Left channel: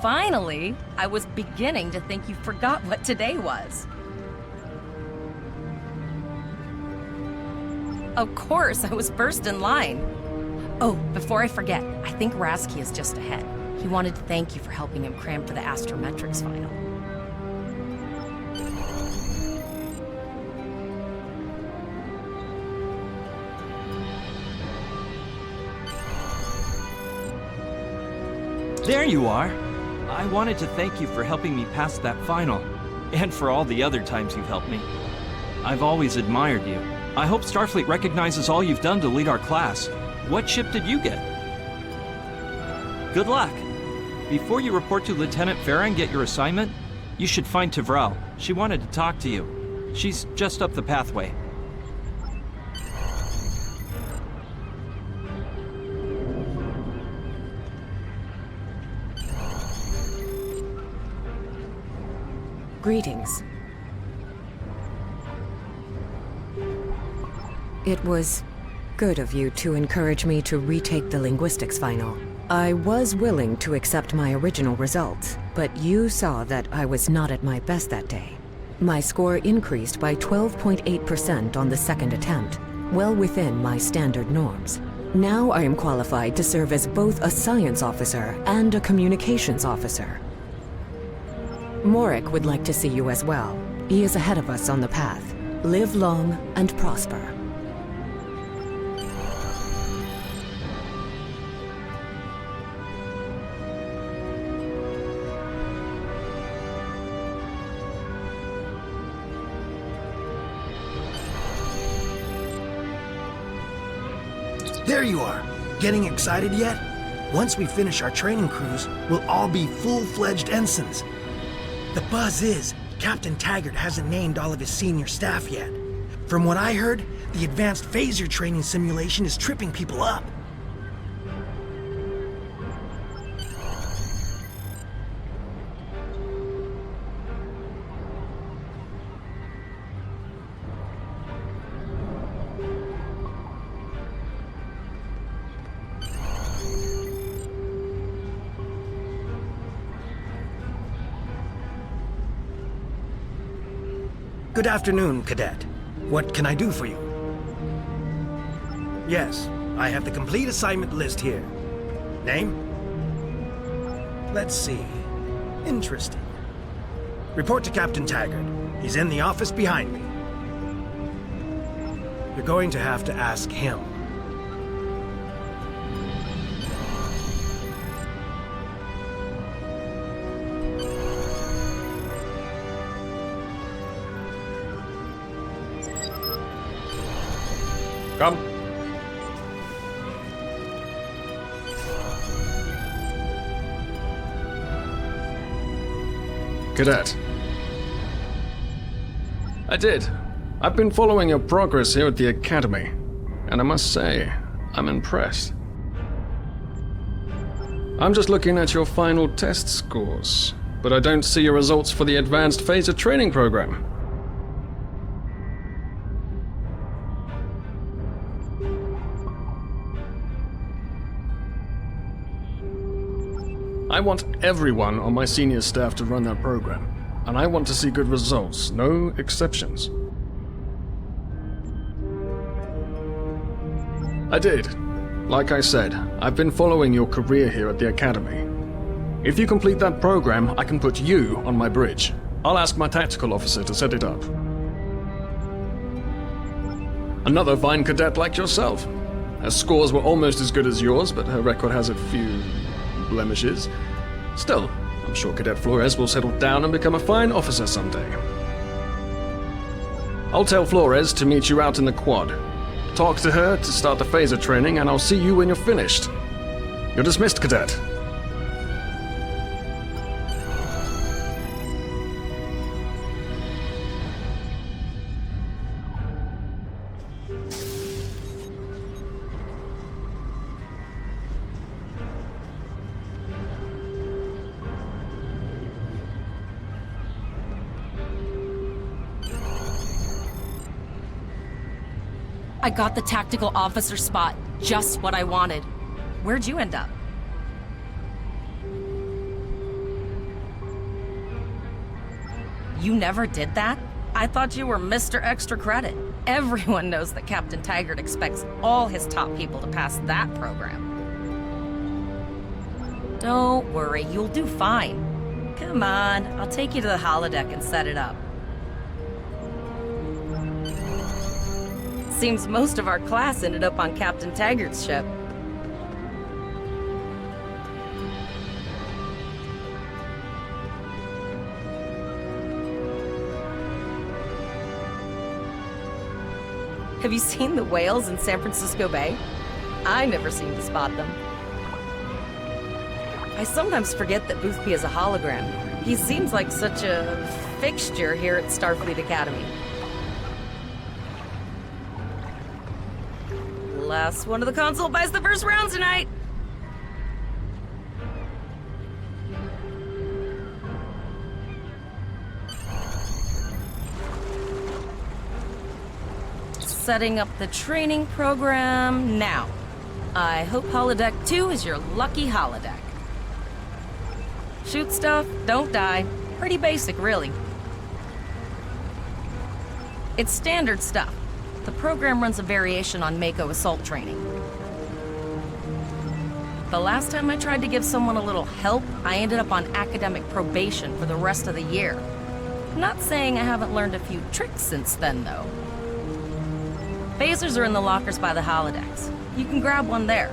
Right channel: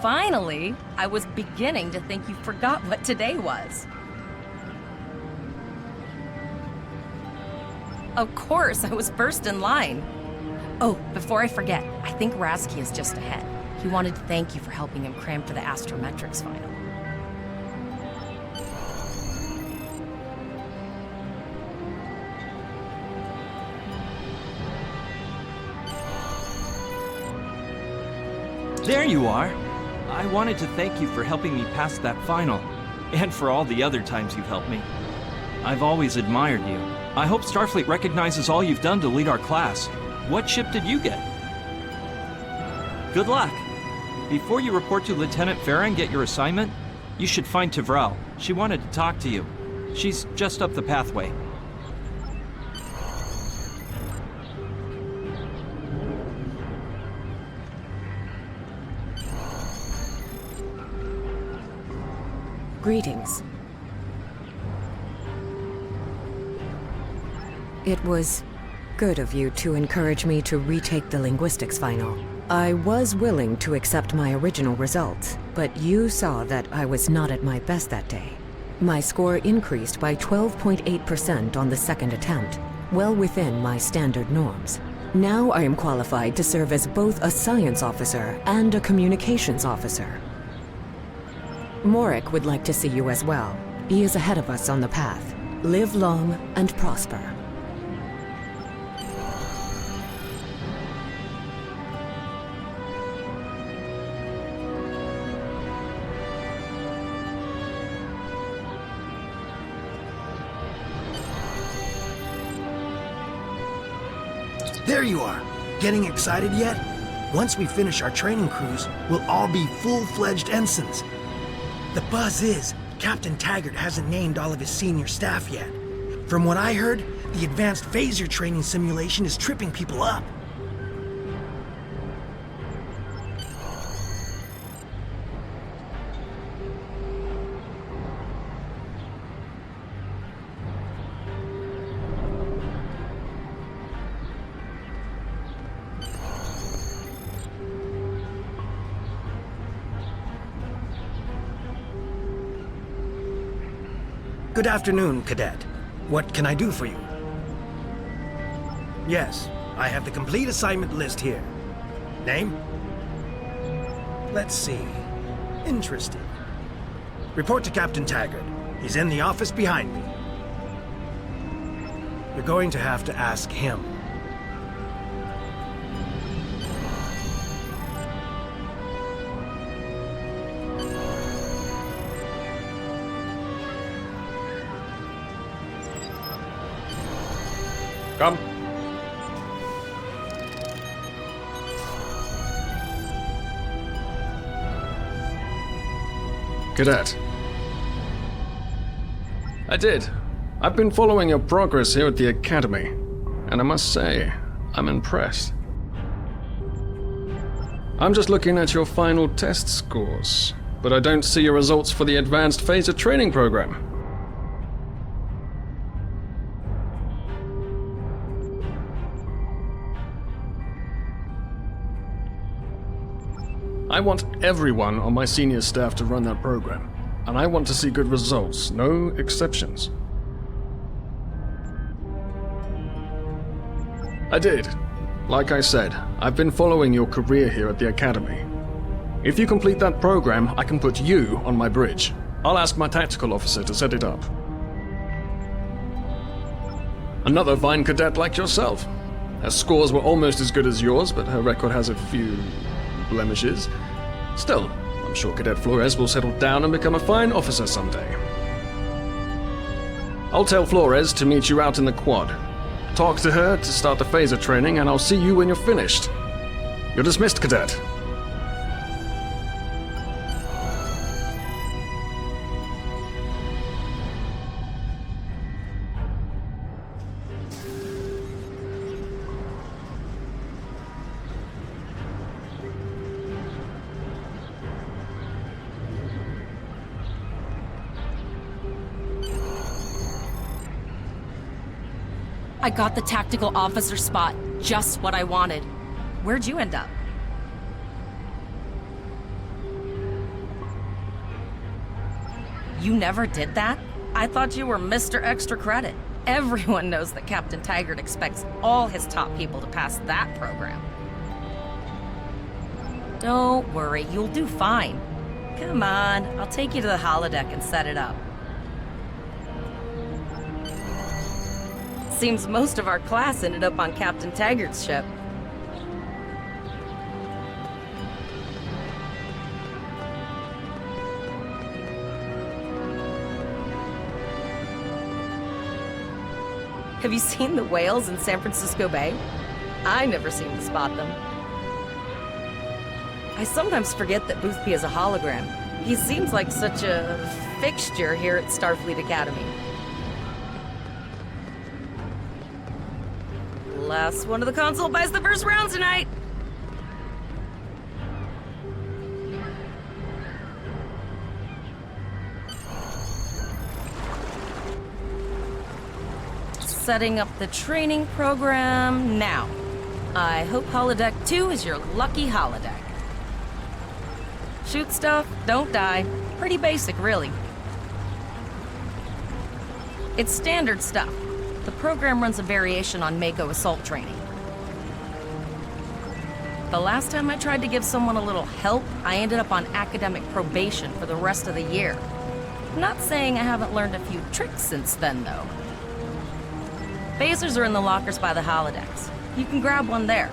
Finally! I was beginning to think you forgot what today was. Of course, I was first in line. Oh, before I forget, I think Rasky is just ahead. He wanted to thank you for helping him cram for the astrometrics final. There you are! I wanted to thank you for helping me pass that final, and for all the other times you've helped me. I've always admired you. I hope Starfleet recognizes all you've done to lead our class. What ship did you get? Good luck! Before you report to Lieutenant Farah and get your assignment, you should find Tavral. She wanted to talk to you. She's just up the pathway. Greetings. It was good of you to encourage me to retake the linguistics final. I was willing to accept my original results, but you saw that I was not at my best that day. My score increased by 12.8% on the second attempt, well within my standard norms. Now I am qualified to serve as both a science officer and a communications officer. Morik would like to see you as well. He is ahead of us on the path. Live long and prosper. There you are! Getting excited yet? Once we finish our training cruise, we'll all be full-fledged ensigns. The buzz is, Captain Taggart hasn't named all of his senior staff yet. From what I heard, the advanced phaser training simulation is tripping people up. Good afternoon, Cadet. What can I do for you? Yes, I have the complete assignment list here. Name? Let's see. Interesting. Report to Captain Taggart. He's in the office behind me. You're going to have to ask him. Come. Cadet. I did. I've been following your progress here at the Academy, and I must say, I'm impressed. I'm just looking at your final test scores, but I don't see your results for the Advanced Phaser Training Program. I want everyone on my senior staff to run that program, and I want to see good results, no exceptions. I did. Like I said, I've been following your career here at the Academy. If you complete that program, I can put you on my bridge. I'll ask my tactical officer to set it up. Another fine cadet like yourself. Her scores were almost as good as yours, but her record has a few blemishes. Still, I'm sure Cadet Flores will settle down and become a fine officer someday. I'll tell Flores to meet you out in the quad. Talk to her to start the phaser training, and I'll see you when you're finished. You're dismissed, Cadet. I got the tactical officer spot, just what I wanted. Where'd you end up? You never did that? I thought you were Mr. Extra Credit. Everyone knows that Captain Taggart expects all his top people to pass that program. Don't worry, you'll do fine. Come on, I'll take you to the holodeck and set it up. Seems most of our class ended up on Captain Taggart's ship. Have you seen the whales in San Francisco Bay? I never seem to spot them. I sometimes forget that Boothby is a hologram. He seems like such a fixture here at Starfleet Academy. Last one of the console buys the first round tonight! Setting up the training program now. I hope Holodeck 2 is your lucky holodeck. Shoot stuff, don't die. Pretty basic, really. It's standard stuff. The program runs a variation on Mako assault training. The last time I tried to give someone a little help, I ended up on academic probation for the rest of the year. Not saying I haven't learned a few tricks since then, though. Phasers are in the lockers by the holodecks. You can grab one there.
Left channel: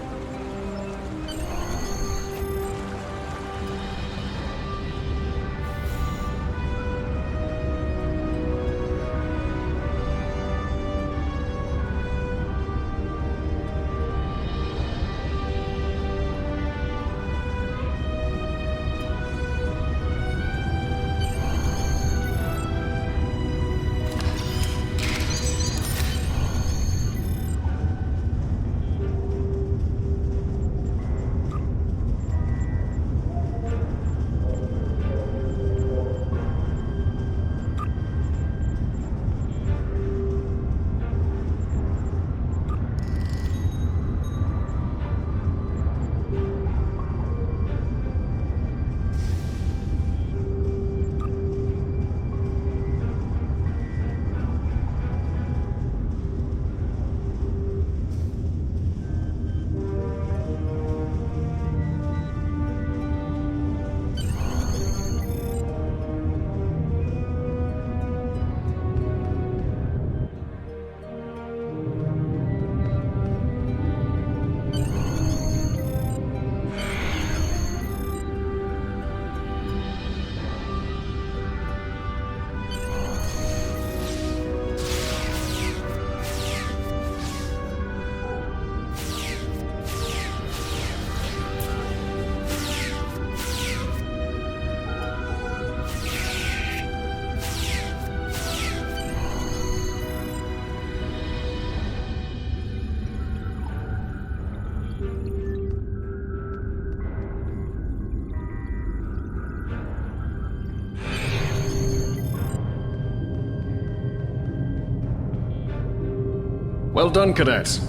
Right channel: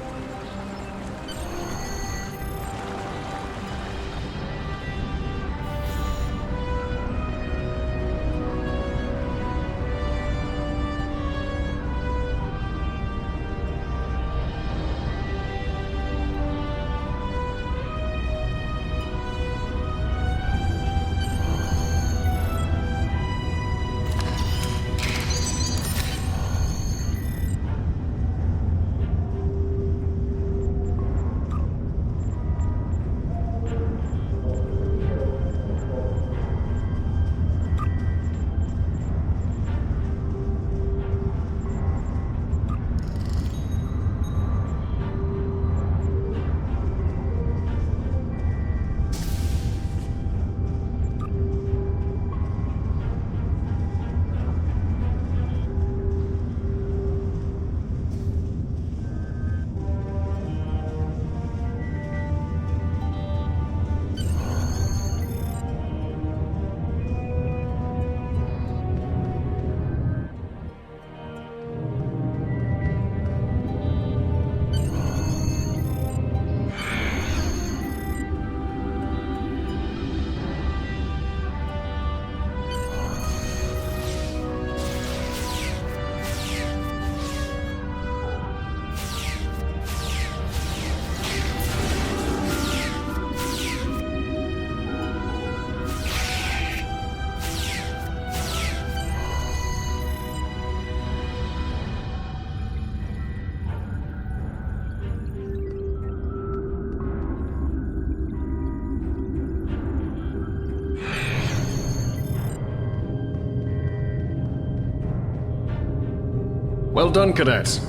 Well done, Cadet.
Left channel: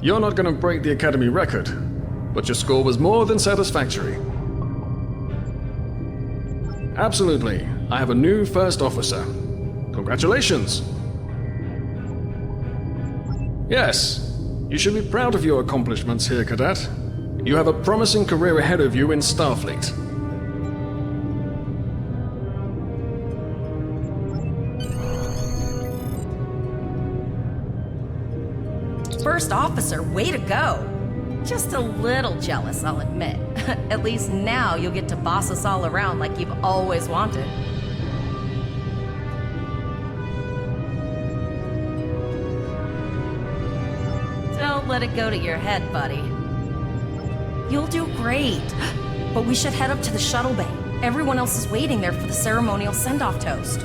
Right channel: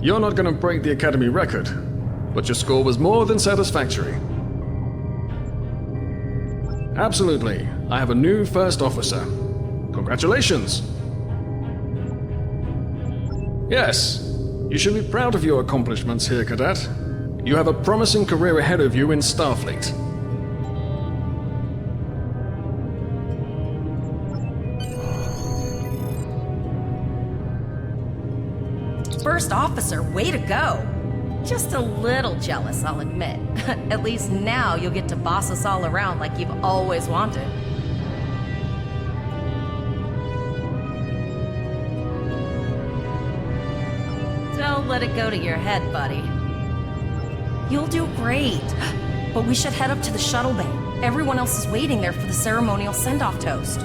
You're not going to break the Academy record, but your score was more than satisfactory. Absolutely. I have a new first officer. Congratulations. Yes, you should be proud of your accomplishments here, Cadet. You have a promising career ahead of you in Starfleet. First officer, way to go! Just a little jealous, I'll admit. At least now you'll get to boss us all around like you've always wanted. Don't let it go to your head, buddy. You'll do great. But we should head up to the shuttle bay. Everyone else is waiting there for the ceremonial send-off toast.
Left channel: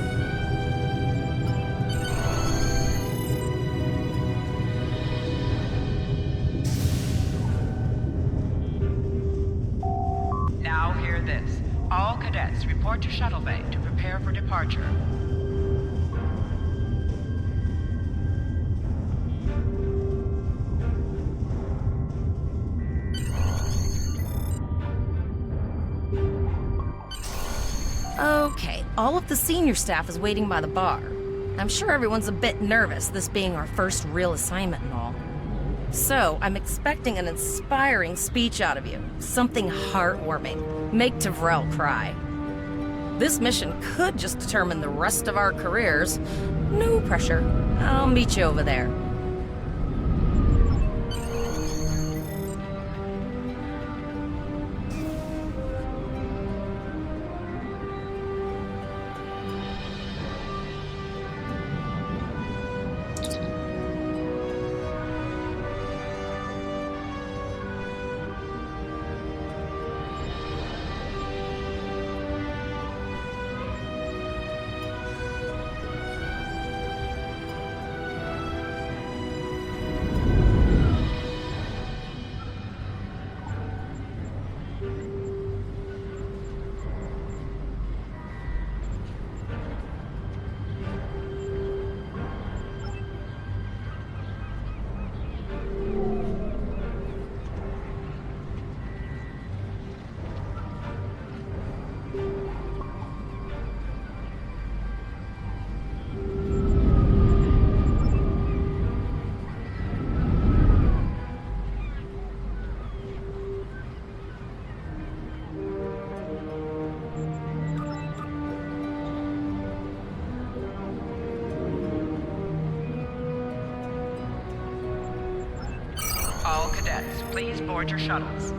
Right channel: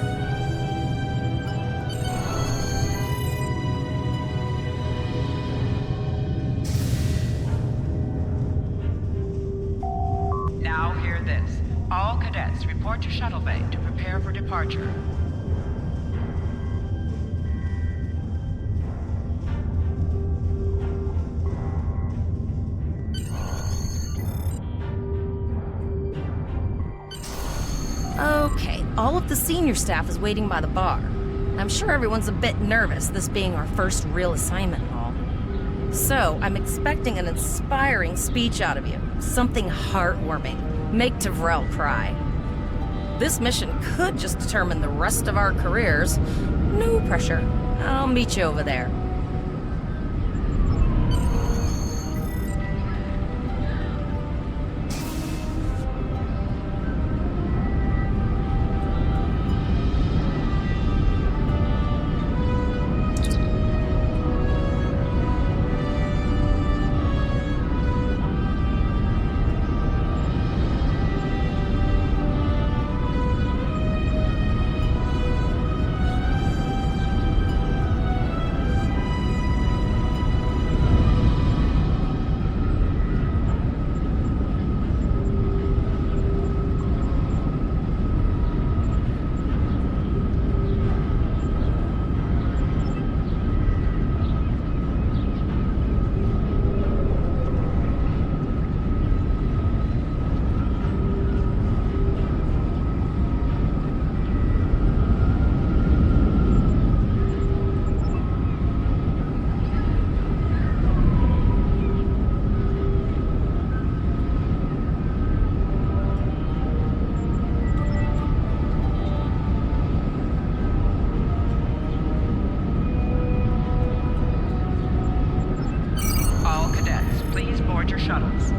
Now hear this. All cadets report to shuttle bay to prepare for departure. Okay, all of the senior staff is waiting by the bar. I'm sure everyone's a bit nervous, this being our first real assignment and all. So, I'm expecting an inspiring speech out of you. Something heartwarming. Make Tavrel cry. This mission could just determine the rest of our careers. No pressure. I'll meet you over there. All cadets, please board your shuttles.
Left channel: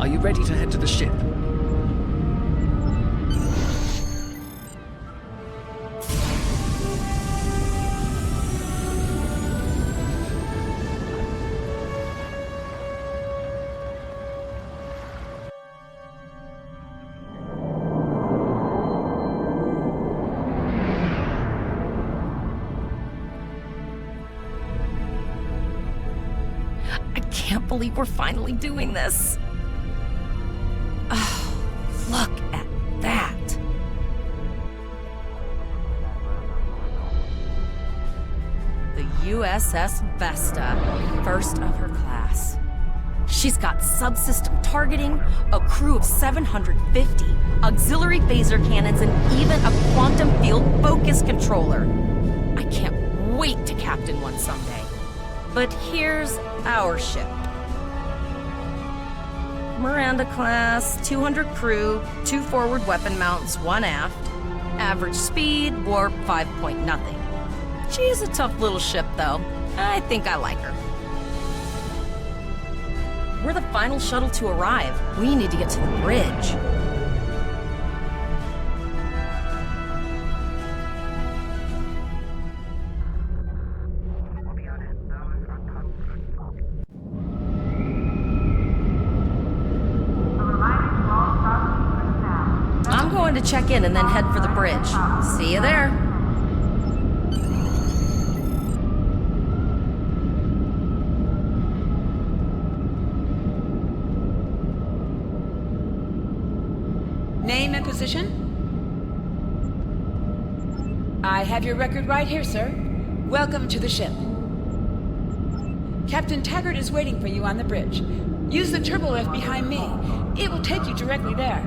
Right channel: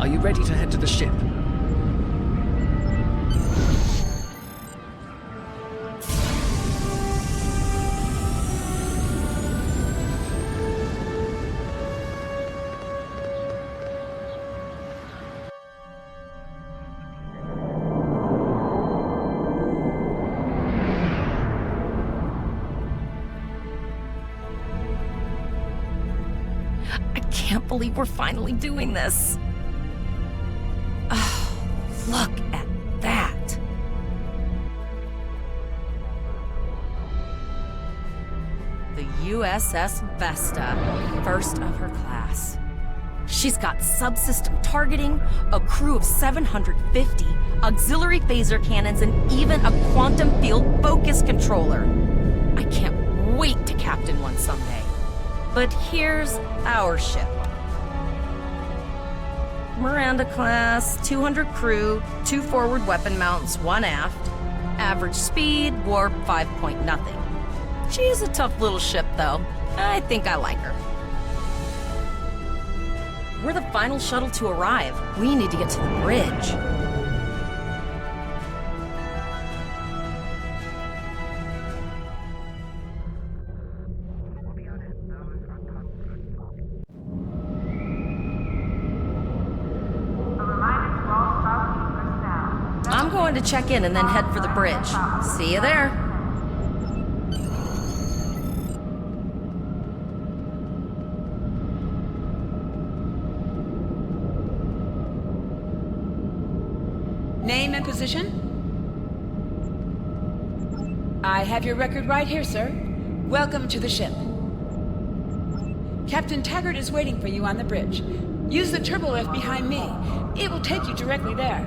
Are you ready to head to the ship? I can't believe we're finally doing this. Oh, look at that. The USS Vesta, first of her class. She's got subsystem targeting, a crew of 750, auxiliary phaser cannons, and even a quantum field focus controller. I can't wait to captain one someday. But here's our ship. Miranda class, 200 crew, 2 forward weapon mounts, 1 aft. Average speed, warp 5 point nothing. She's a tough little ship, though. I think I like her. We're the final shuttle to arrive. We need to get to the bridge. I'm going to check in and then head for the bridge. See you there. Name and position? I have your record right here, sir. Welcome to the ship. Captain Taggart is waiting for you on the bridge. Use the turbolift behind me. It will take you directly there.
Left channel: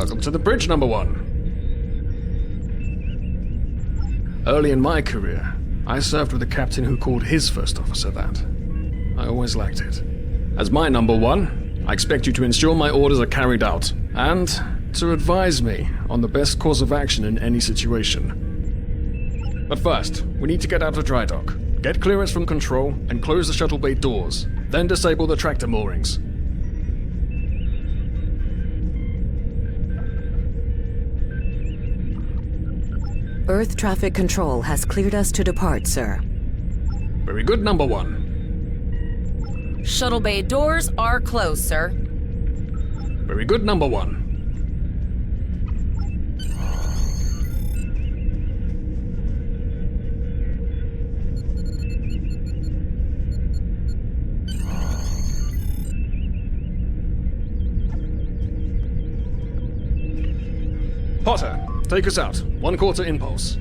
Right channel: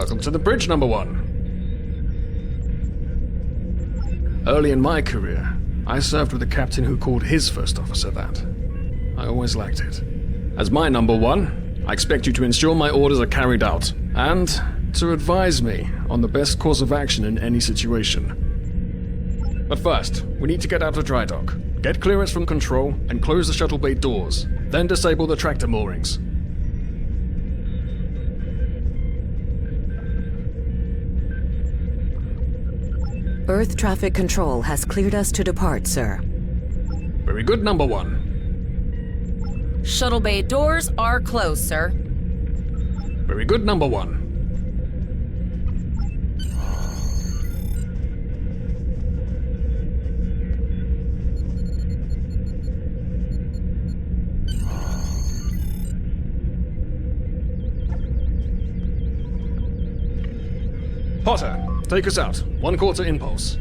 Welcome to the bridge, number one. Early in my career, I served with a captain who called his first officer that. I always liked it. As my number one, I expect you to ensure my orders are carried out, and to advise me on the best course of action in any situation. But first, we need to get out of dry dock, get clearance from control, and close the shuttle bay doors, then disable the tractor moorings. Earth traffic control has cleared us to depart, sir. Very good, number one. Shuttle bay doors are closed, sir. Very good, number one. Potter, take us out. 1/4 impulse.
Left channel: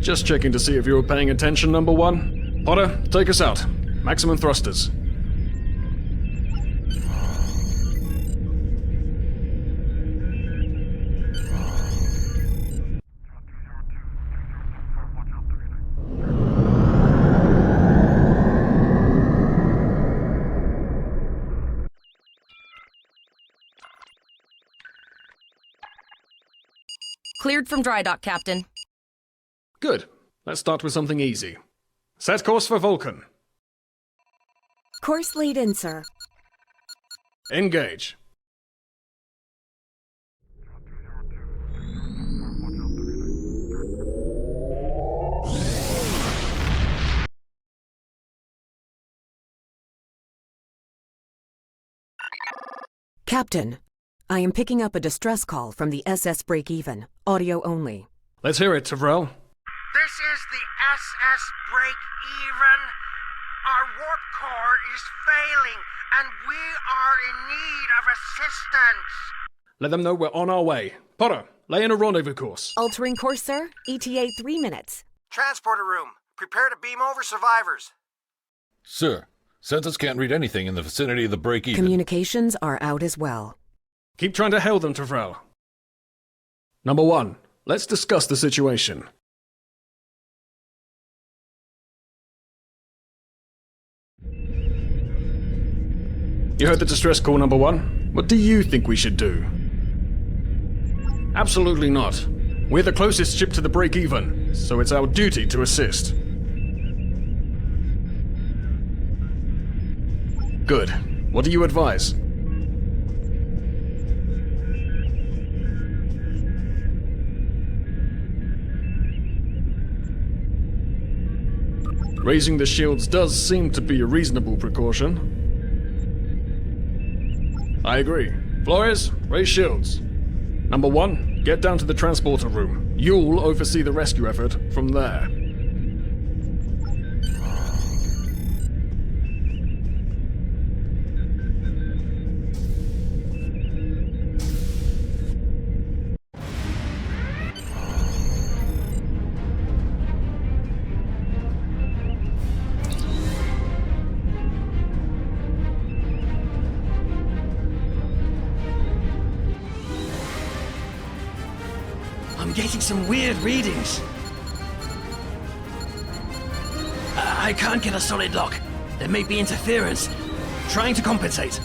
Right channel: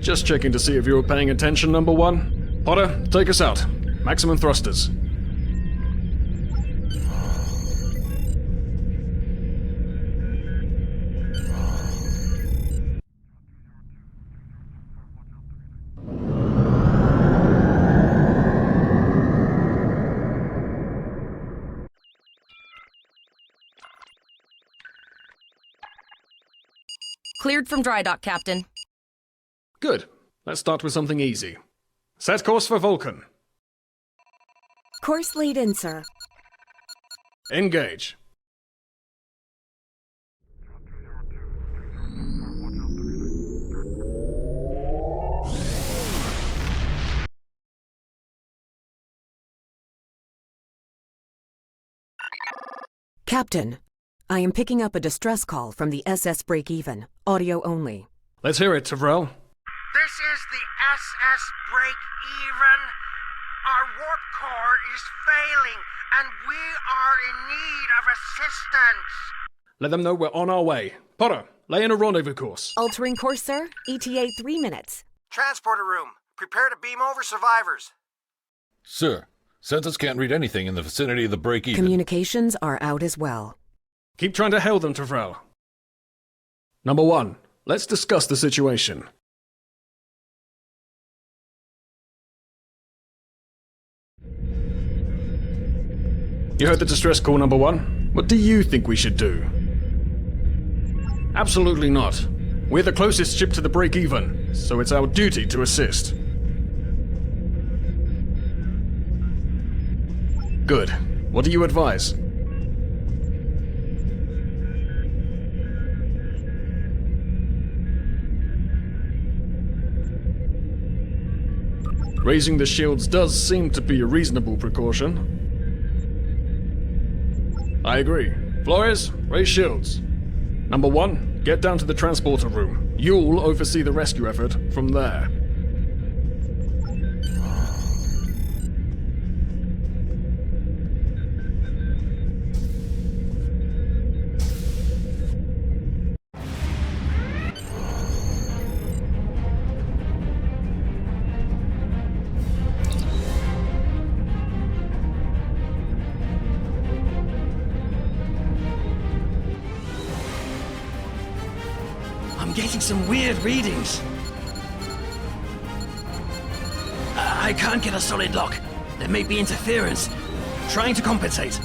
Just checking to see if you were paying attention, number one. Potter, take us out. Maximum thrusters. Cleared from dry dock, Captain. Good. Let's start with something easy. Set course for Vulcan. Course lead in, sir. Engage. Captain, I am picking up a distress call from the SS Break-Even, audio only. Let's hear it, Tavrel. This is the SS Break-Even. Our warp core is failing, and we are in need of assistance. Let them know we're on our way. Potter, lay in a rendezvous course. Altering course, sir. ETA 3 minutes. Transporter room. Prepare to beam over survivors. Sir, Census can't read anything in the vicinity of the break-even. Communications are out as well. Keep trying to hail them, Tavrel. Number one, let's discuss the situation. You heard the distress call, number one. What do you think we should do? Absolutely not. We're the closest ship to the break-even, so it's our duty to assist. Good. What do you advise? Raising the shields does seem to be a reasonable precaution. I agree. Flores, raise shields. Number one, get down to the transporter room. You'll oversee the rescue effort from there. I'm getting some weird readings. I can't get a solid lock. There may be interference. Trying to compensate.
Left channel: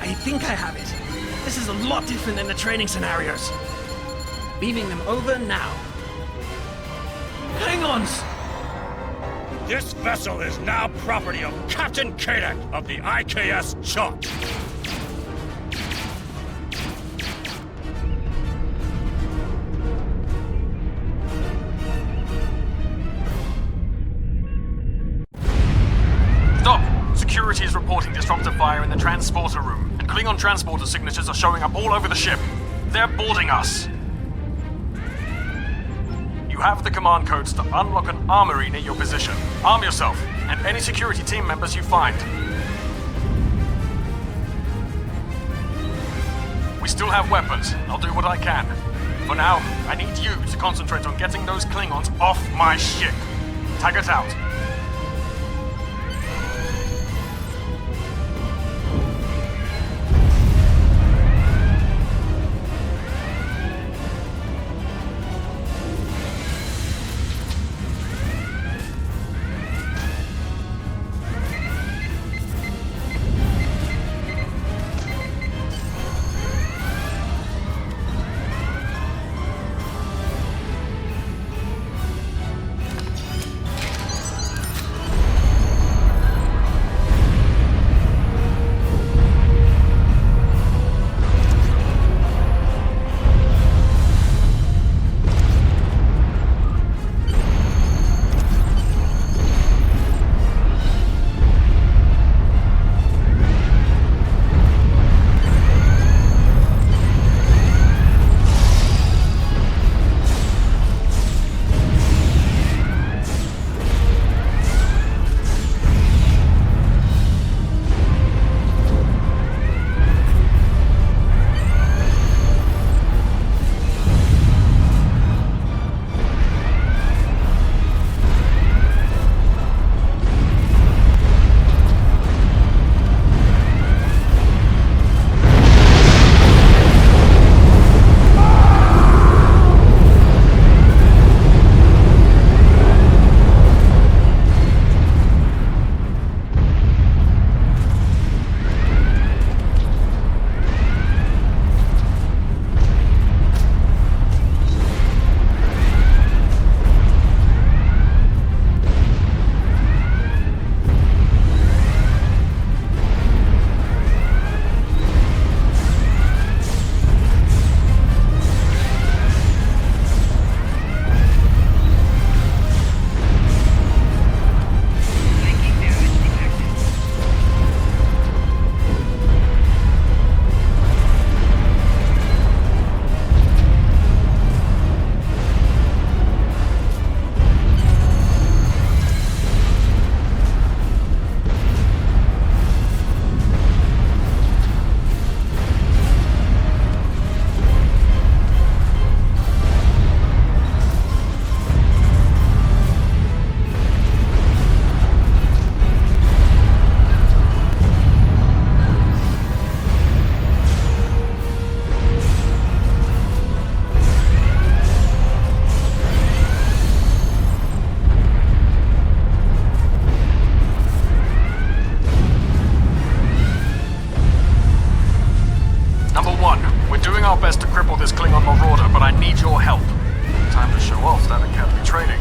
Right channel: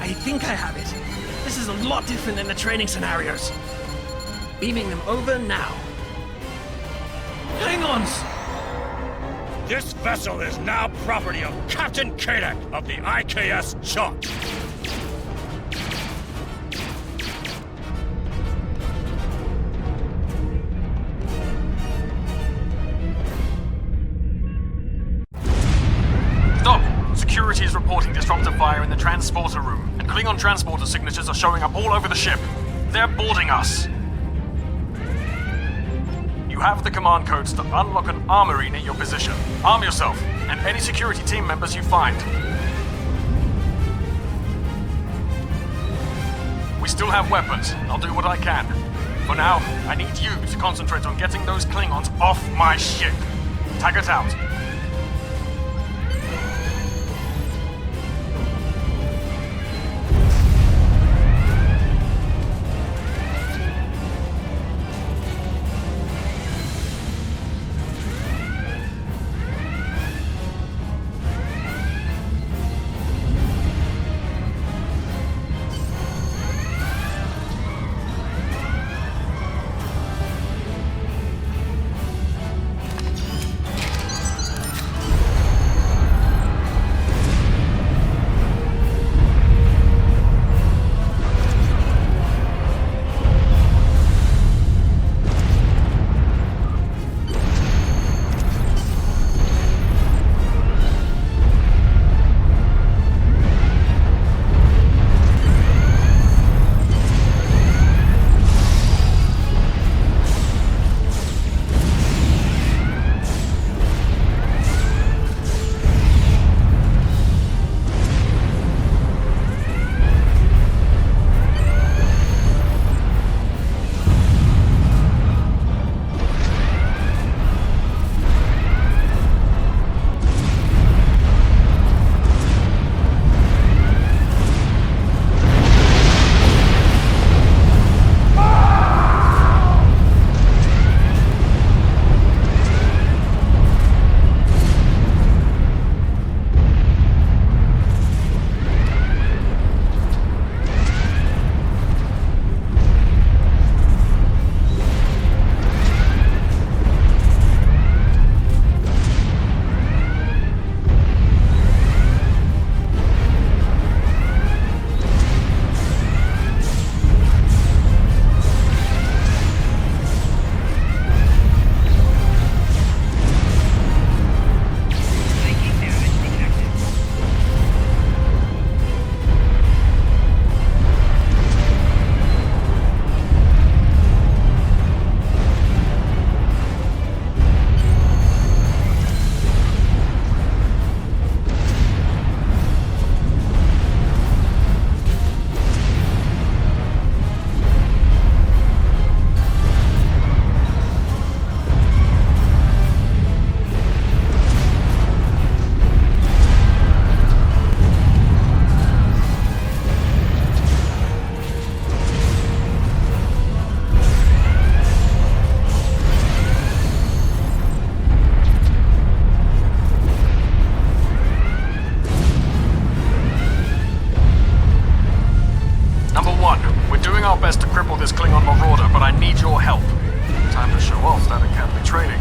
I think I have it. This is a lot different than the training scenarios. Beaming them over now. Klingons! This vessel is now property of Captain Kadek of the IKS Chalk. Stop! Security is reporting disruptor fire in the transporter room, and Klingon transporter signatures are showing up all over the ship. They're boarding us. You have the command codes to unlock an armory near your position. Arm yourself, and any security team members you find. We still have weapons. I'll do what I can. For now, I need you to concentrate on getting those Klingons off my ship. Taggart out. training.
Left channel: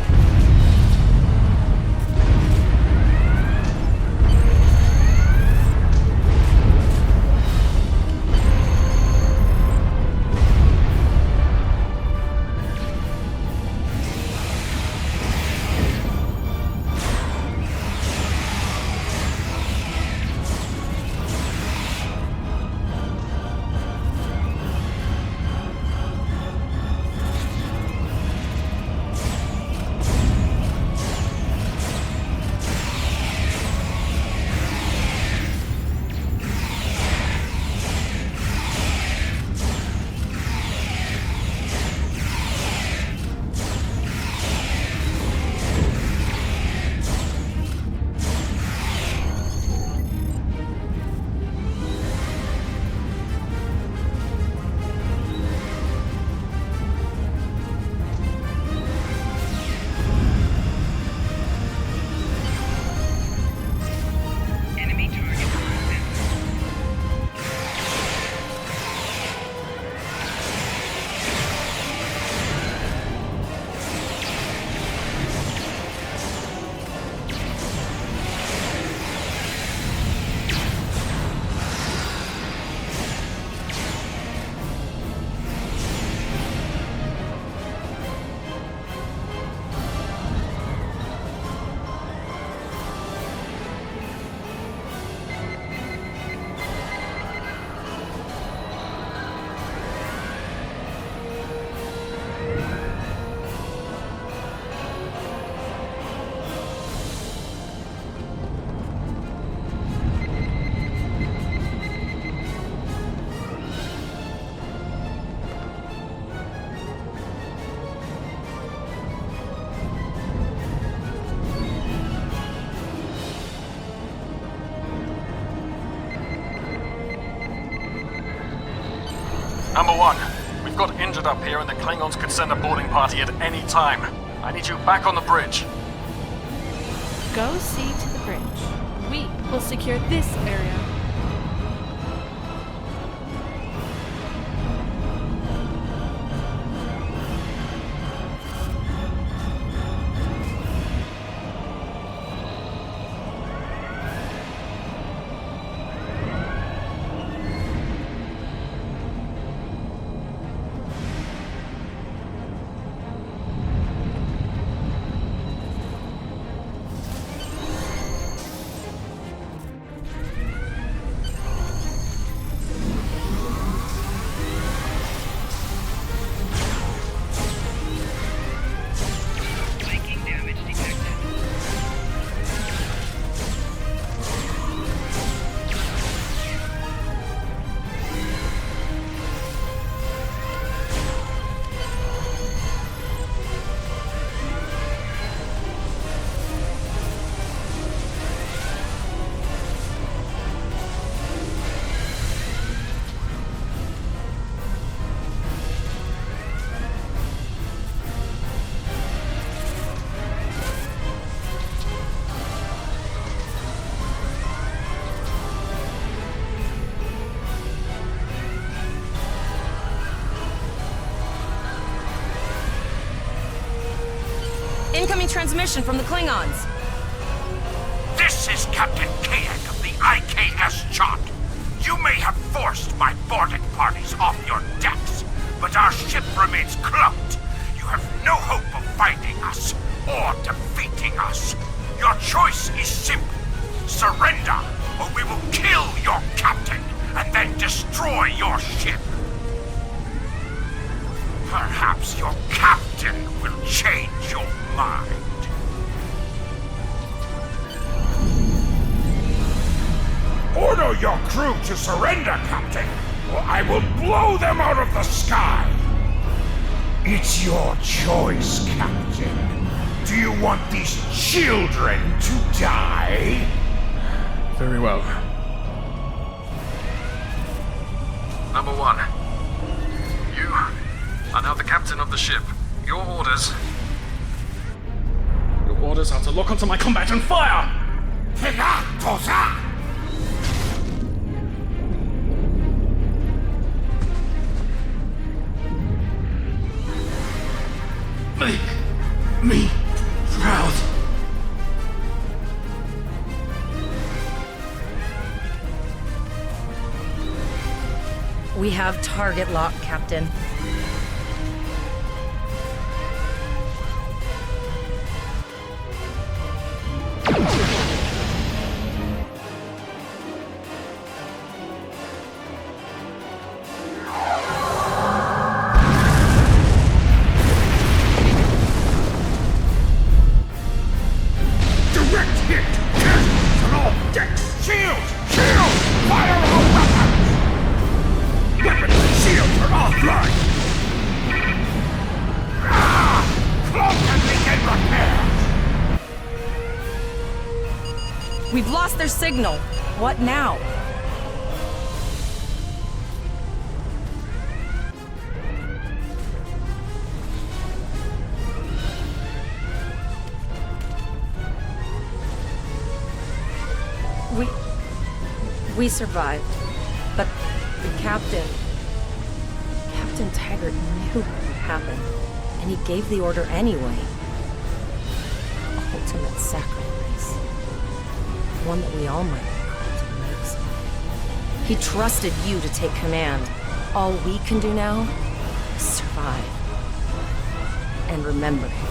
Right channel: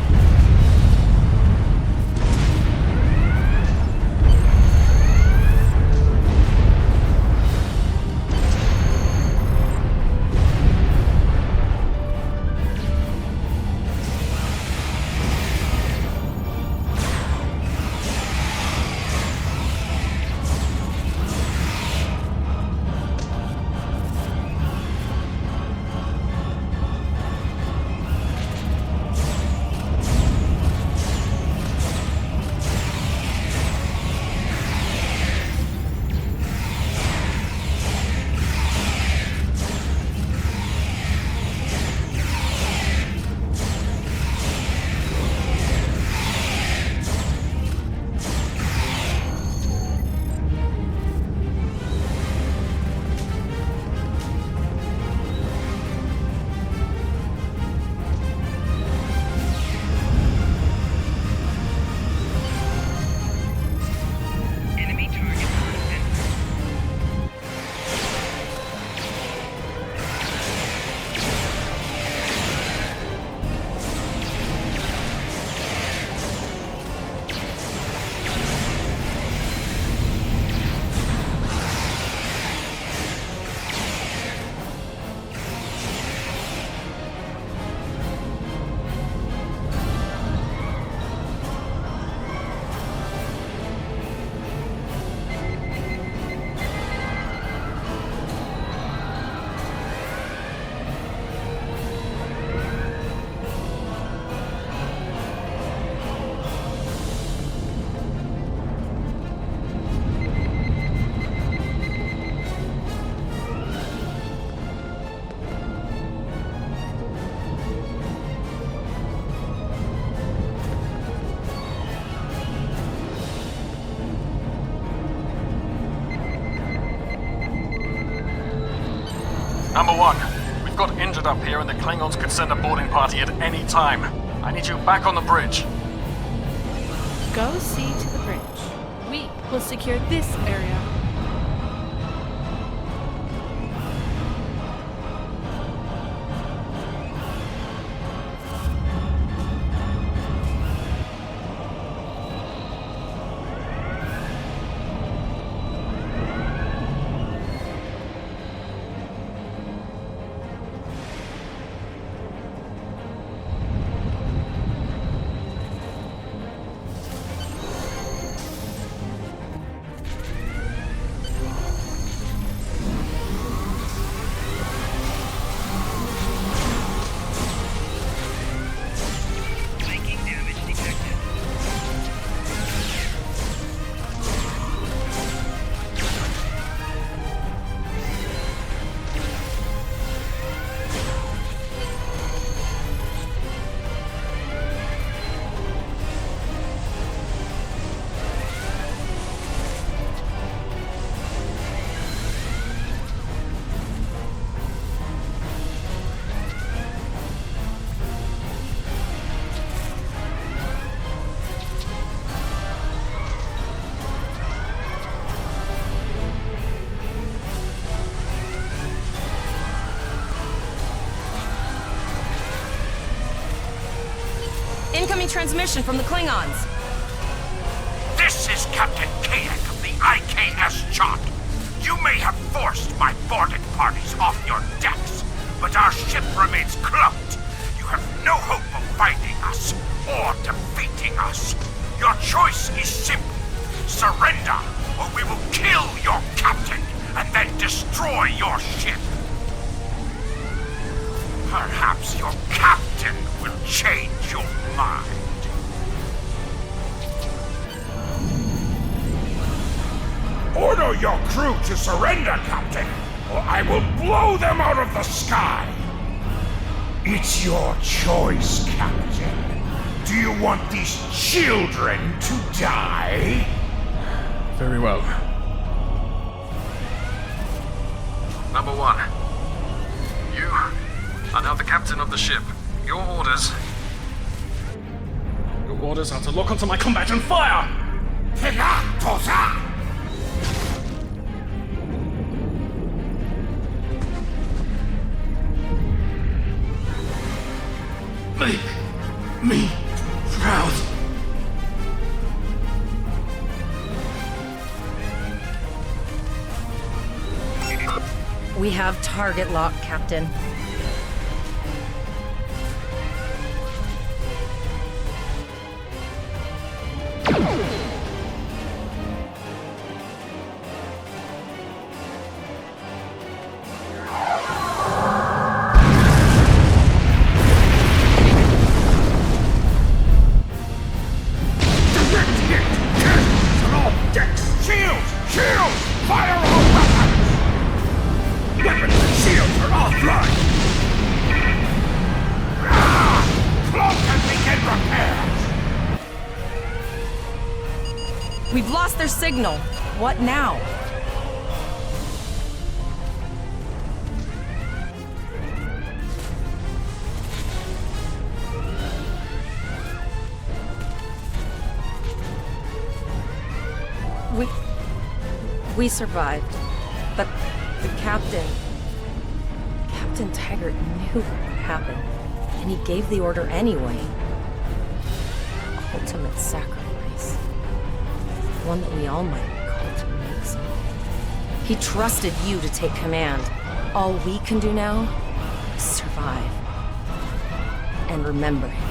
Number 1, we've got injured up here and the Klingons could send a boarding party at any time. I need you back on the bridge. Go see to the bridge. We will secure this area. Incoming transmission from the Klingons. This is Captain Kadek of the IKS Chot. You may have forced my boarding parties off your decks, but our ship remains cloaked. You have no hope of finding us or defeating us. Your choice is simple. Surrender, or we will kill your captain and then destroy your ship. Perhaps your captain will change your mind. Order your crew to surrender, Captain, or I will blow them out of the sky. It's your choice, Captain. Do you want these children to die? Very well. Number 1. You are now the captain of the ship. Your orders are to lock onto my combat and fire! Make me We have target lock, Captain. Direct hit! Cannons on all decks! Shields! Shields! Fire all weapons! Weapons and shields are offline! Ah! Cloak and begin repairs! We've lost their signal. What now? We survived, but the Captain Taggart knew what would happen, and he gave the order anyway. Ultimate sacrifice. One that we all might be called to make someday. He trusted you to take command. All we can do now is survive. And remember him.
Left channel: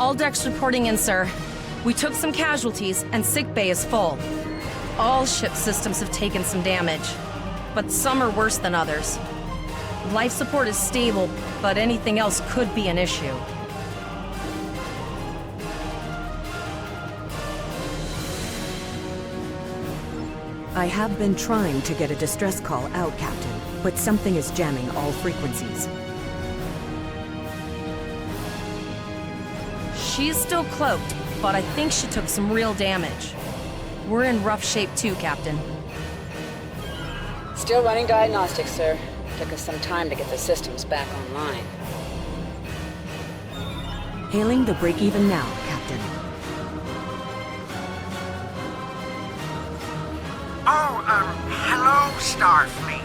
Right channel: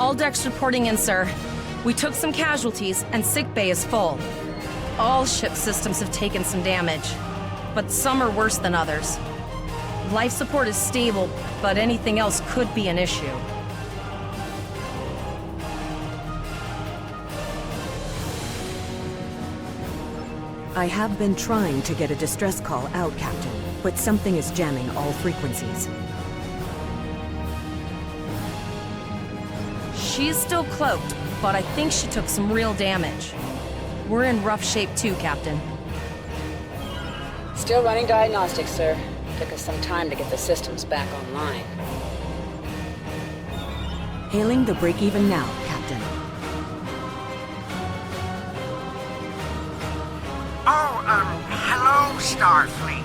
All decks reporting in, sir. We took some casualties, and sickbay is full. All ship systems have taken some damage, but some are worse than others. Life support is stable, but anything else could be an issue. I have been trying to get a distress call out, Captain, but something is jamming all frequencies. She's still cloaked, but I think she took some real damage. We're in rough shape too, Captain. Still running diagnostics, sir. Took us some time to get the systems back online. Hailing the break-even now, Captain. Oh, hello, Starfleet.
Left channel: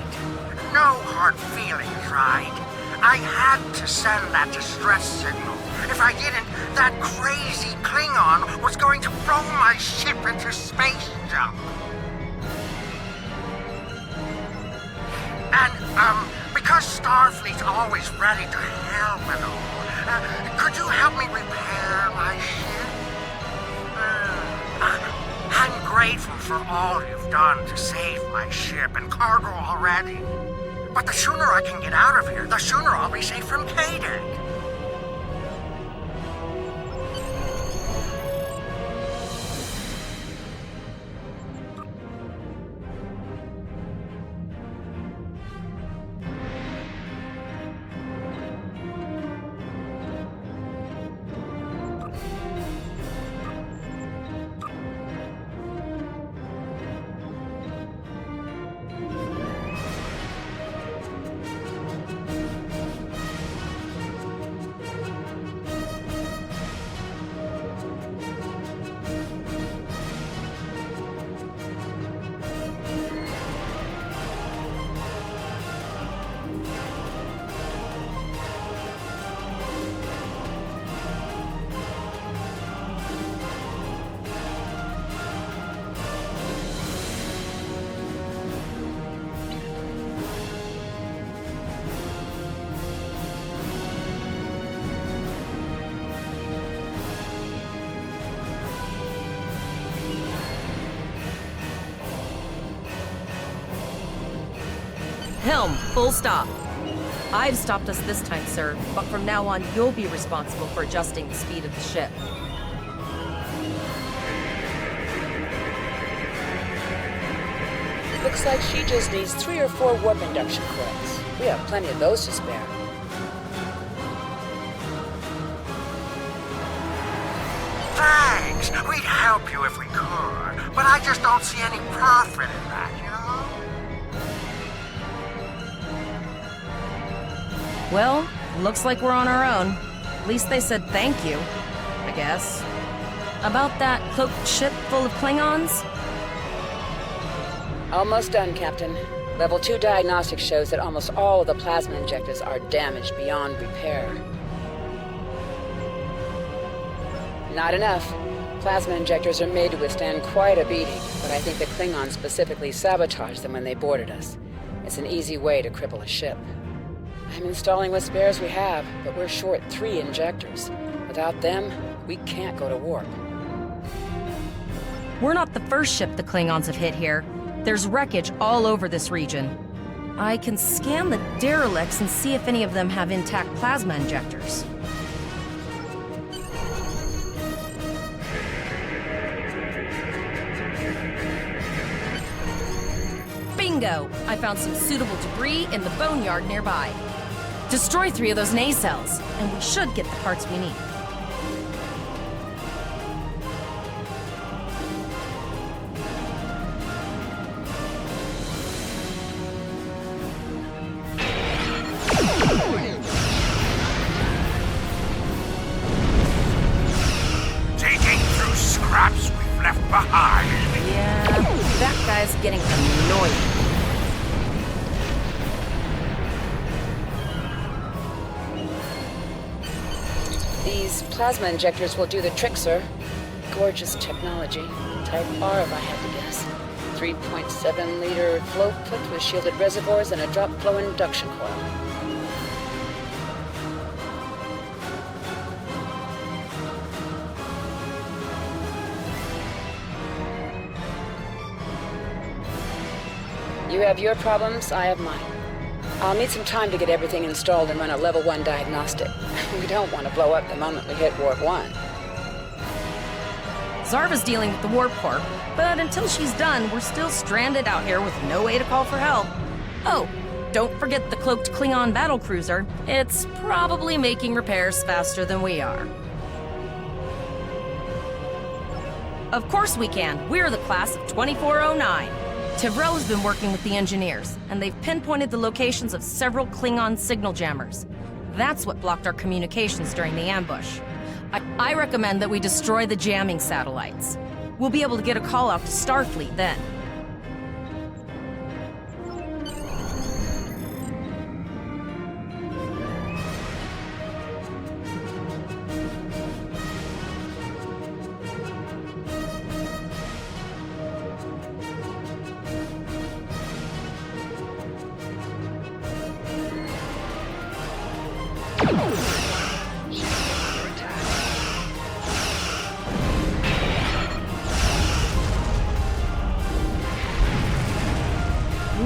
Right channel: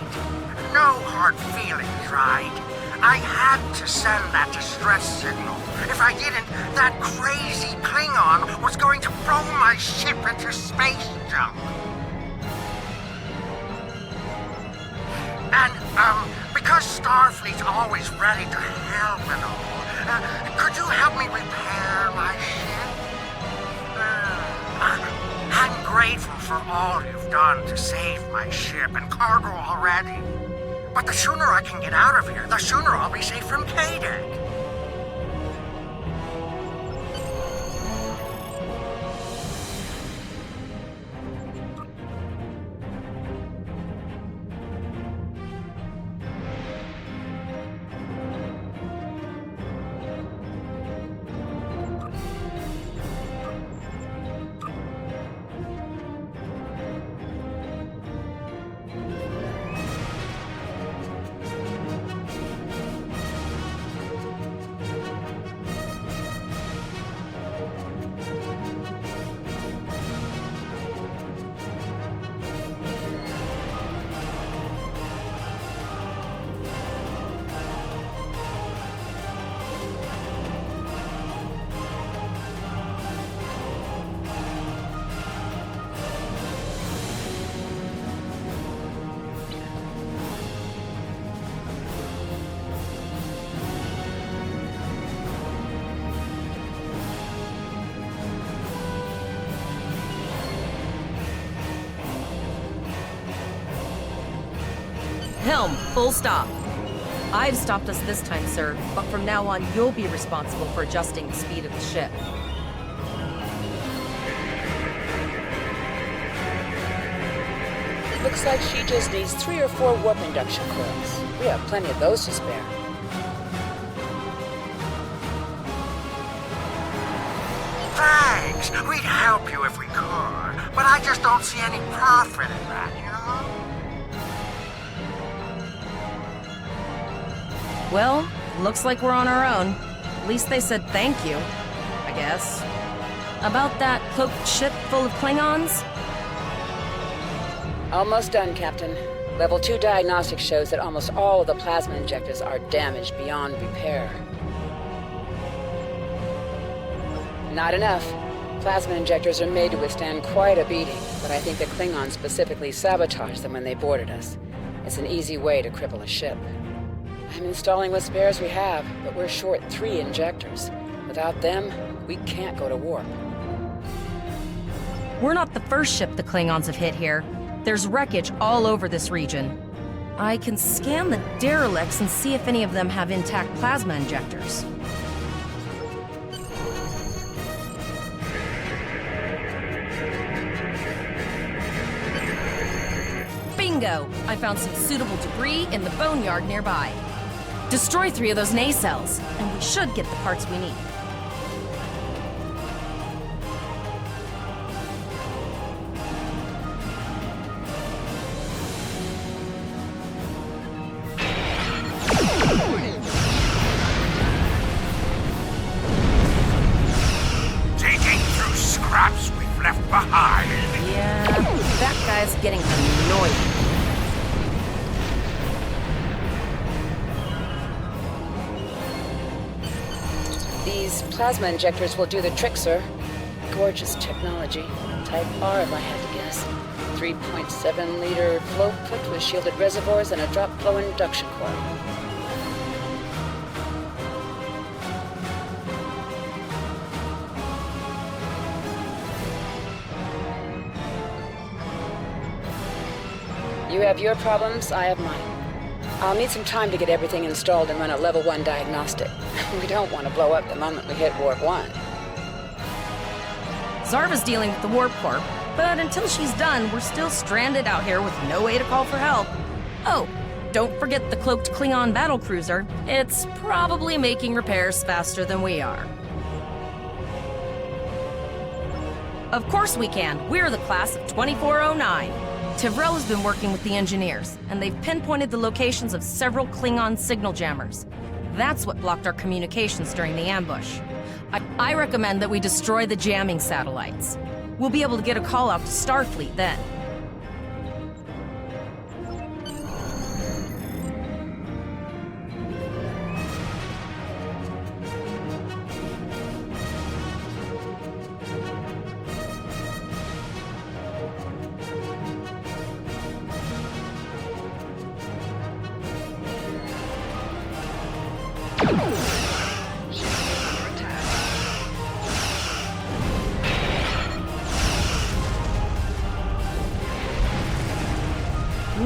No hard feelings, right? I had to send that distress signal. If I didn't, that crazy Klingon was going to throw my ship into space junk. And, because Starfleet's always ready to help and all, could you help me repair my ship? I'm grateful for all you've done to save my ship and cargo already. But the sooner I can get out of here, the sooner I'll be safe from K-Deck. Helm, full stop. I've stopped us this time, sir, but from now on, you'll be responsible for adjusting the speed of the ship. Looks like she just needs 3 or 4 warp induction coils. We have plenty of those to spare. Thanks. We'd help you if we could, but I just don't see any profit in that, you know? Well, looks like we're on our own. At least they said thank you, I guess. About that cloaked ship full of Klingons? Almost done, Captain. Level 2 diagnostics shows that almost all of the plasma injectors are damaged beyond repair. Not enough. Plasma injectors are made to withstand quite a beating, but I think the Klingons specifically sabotaged them when they boarded us. It's an easy way to cripple a ship. I'm installing what spares we have, but we're short 3 injectors. Without them, we can't go to warp. We're not the first ship the Klingons have hit here. There's wreckage all over this region. I can scan the derelicts and see if any of them have intact plasma injectors. Bingo! I found some suitable debris in the boneyard nearby. Destroy 3 of those nacelles, and we should get the parts we need. Digging through scraps we've left behind. Yeah, that guy's getting annoying. These plasma injectors will do the trick, sir. Gorgeous technology. Type R, if I had to guess. 3.7-liter flow put with shielded reservoirs and a drop flow induction coil. You have your problems, I have mine. I'll need some time to get everything installed and run a level 1 diagnostic. We don't want to blow up the moment we hit warp 1. Zarva's dealing with the warp core, but until she's done, we're still stranded out here with no way to call for help. Oh, don't forget the cloaked Klingon battlecruiser. It's probably making repairs faster than we are. Of course we can. We're the class of 2409. Tivrel has been working with the engineers, and they've pinpointed the locations of several Klingon signal jammers. That's what blocked our communications during the ambush. I recommend that we destroy the jamming satellites. We'll be able to get a call out to Starfleet then.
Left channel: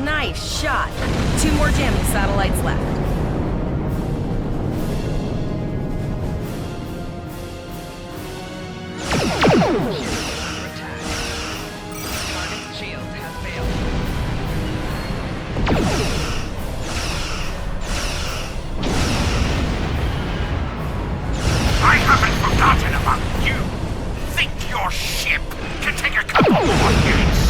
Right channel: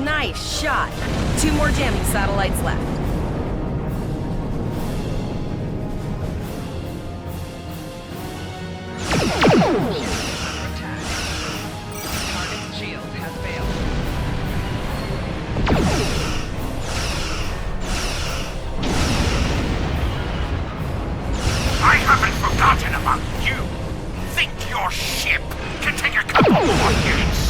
Nice shot. 2 more jamming satellites left. Target's shields have failed. I haven't forgotten about you. Think your ship can take a couple more hits?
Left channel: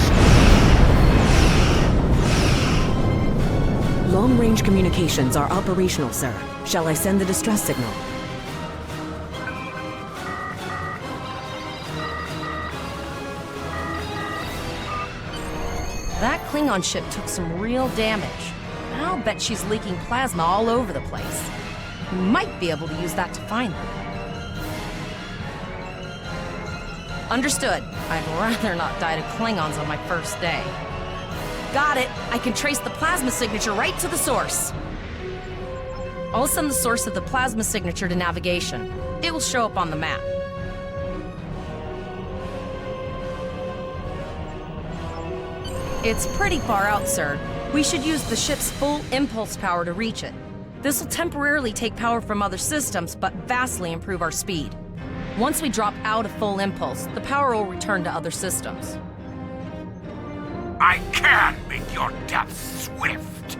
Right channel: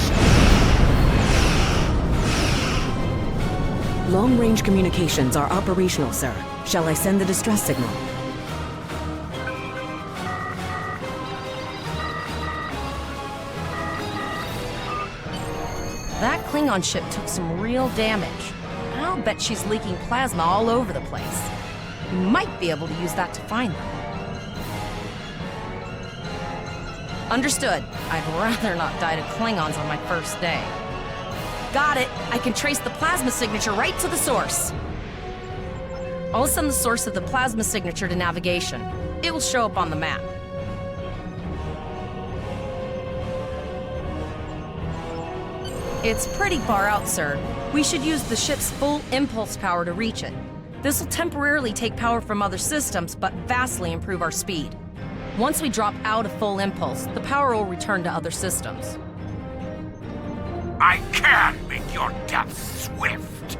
Long-range communications are operational, sir. Shall I send the distress signal? That Klingon ship took some real damage. I'll bet she's leaking plasma all over the place. You might be able to use that to find them. Understood. I'd rather not die to Klingons on my first day. Got it. I can trace the plasma signature right to the source. I'll send the source of the plasma signature to navigation. It will show up on the map. It's pretty far out, sir. We should use the ship's full impulse power to reach it. This will temporarily take power from other systems, but vastly improve our speed. Once we drop out of full impulse, the power will return to other systems. I can make your death swift.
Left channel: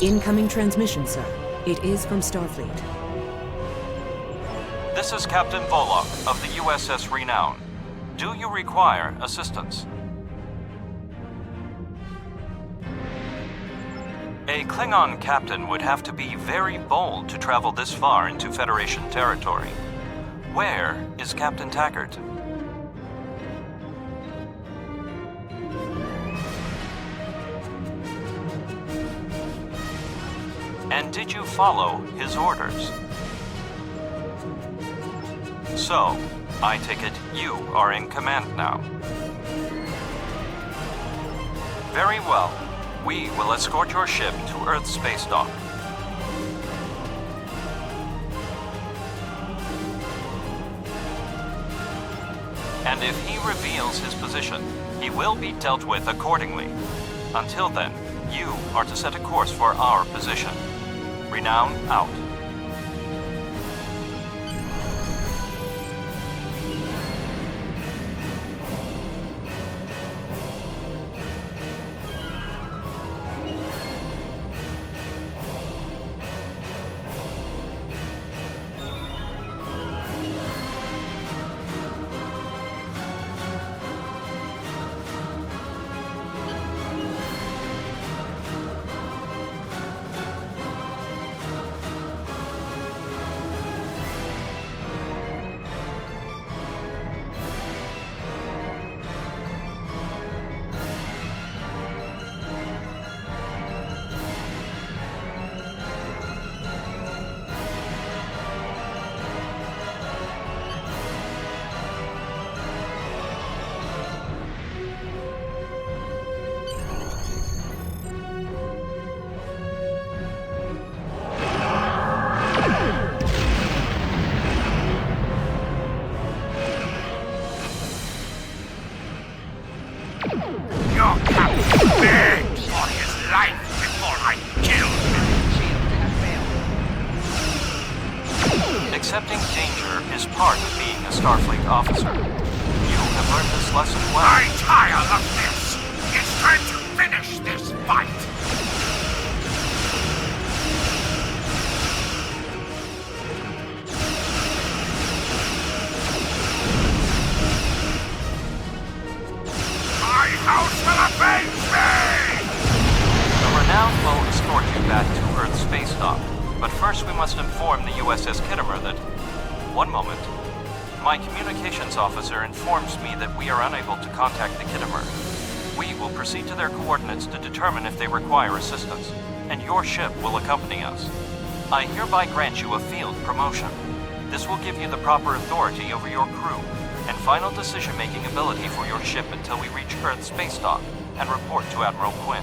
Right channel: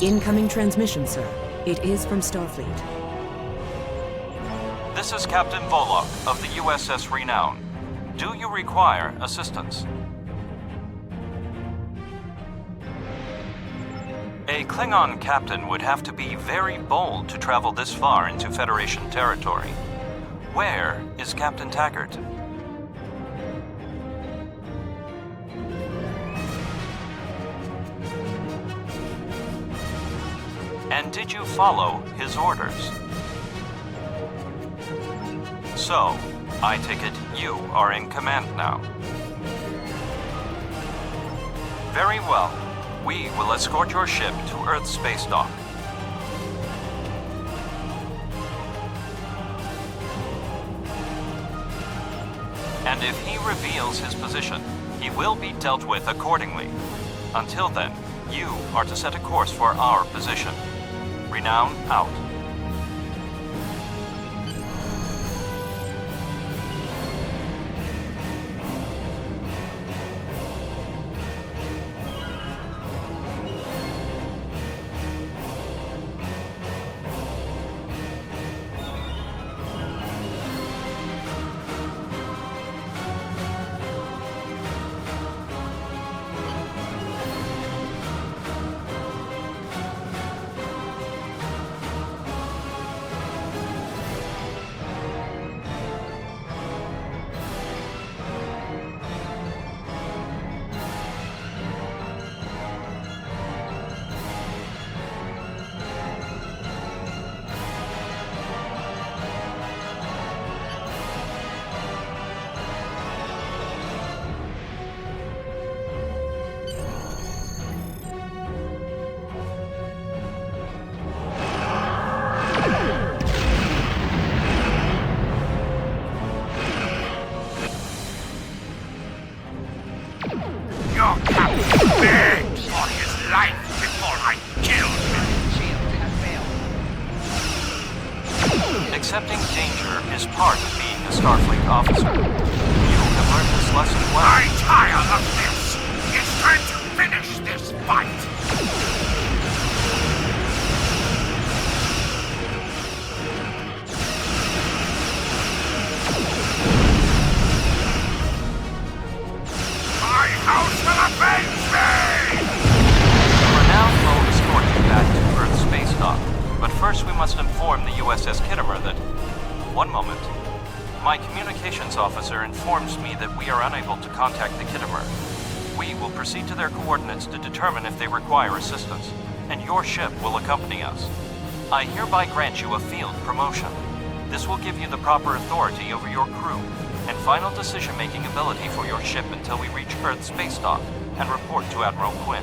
Incoming transmission, sir. It is from Starfleet. This is Captain Volok of the USS Renown. Do you require assistance? A Klingon captain would have to be very bold to travel this far into Federation territory. Where is Captain Taggart? And did you follow his orders? So, I take it you are in command now. Very well. We will escort your ship to Earth's space dock. And if he reveals his position, he will be dealt with accordingly. Until then, you are to set a course for our position. Renown out. Your captain begged for his life before I killed him. Shield has failed. Accepting danger is part of being a Starfleet officer. You have learned this lesson well. I tire of this. It's time to finish this fight. My house will avenge me! The Renown will escort you back to Earth's space dock. But first we must inform the USS Kittimer that... One moment. My communications officer informs me that we are unable to contact the Kittimer. We will proceed to their coordinates to determine if they require assistance, and your ship will accompany us. I hereby grant you a field promotion. This will give you the proper authority over your crew, and final decision-making ability for your ship until we reach Earth's space dock and report to Admiral Quinn.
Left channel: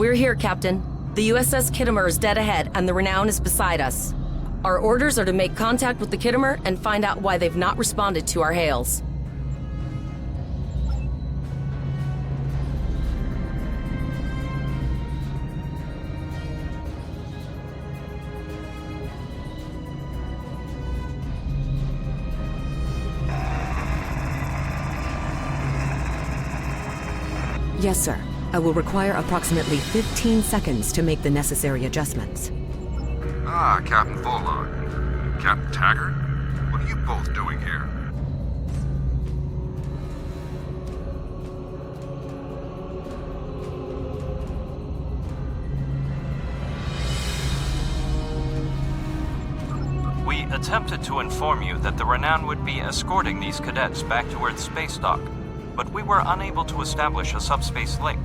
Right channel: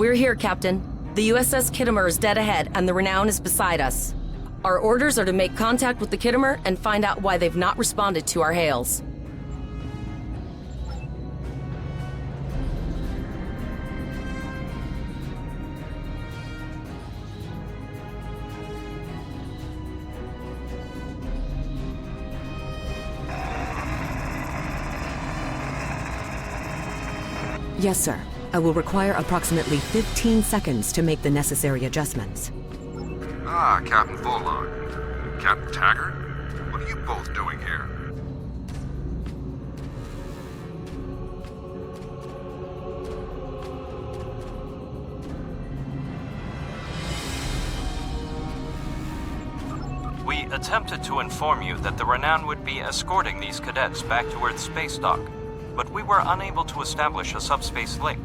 We're here, Captain. The USS Kittimer is dead ahead, and the Renown is beside us. Our orders are to make contact with the Kittimer and find out why they've not responded to our hails. Yes, sir. I will require approximately 15 seconds to make the necessary adjustments. Ah, Captain Volog. Captain Taggart? What are you both doing here? We attempted to inform you that the Renown would be escorting these cadets back to Earth's space dock, but we were unable to establish a subspace link.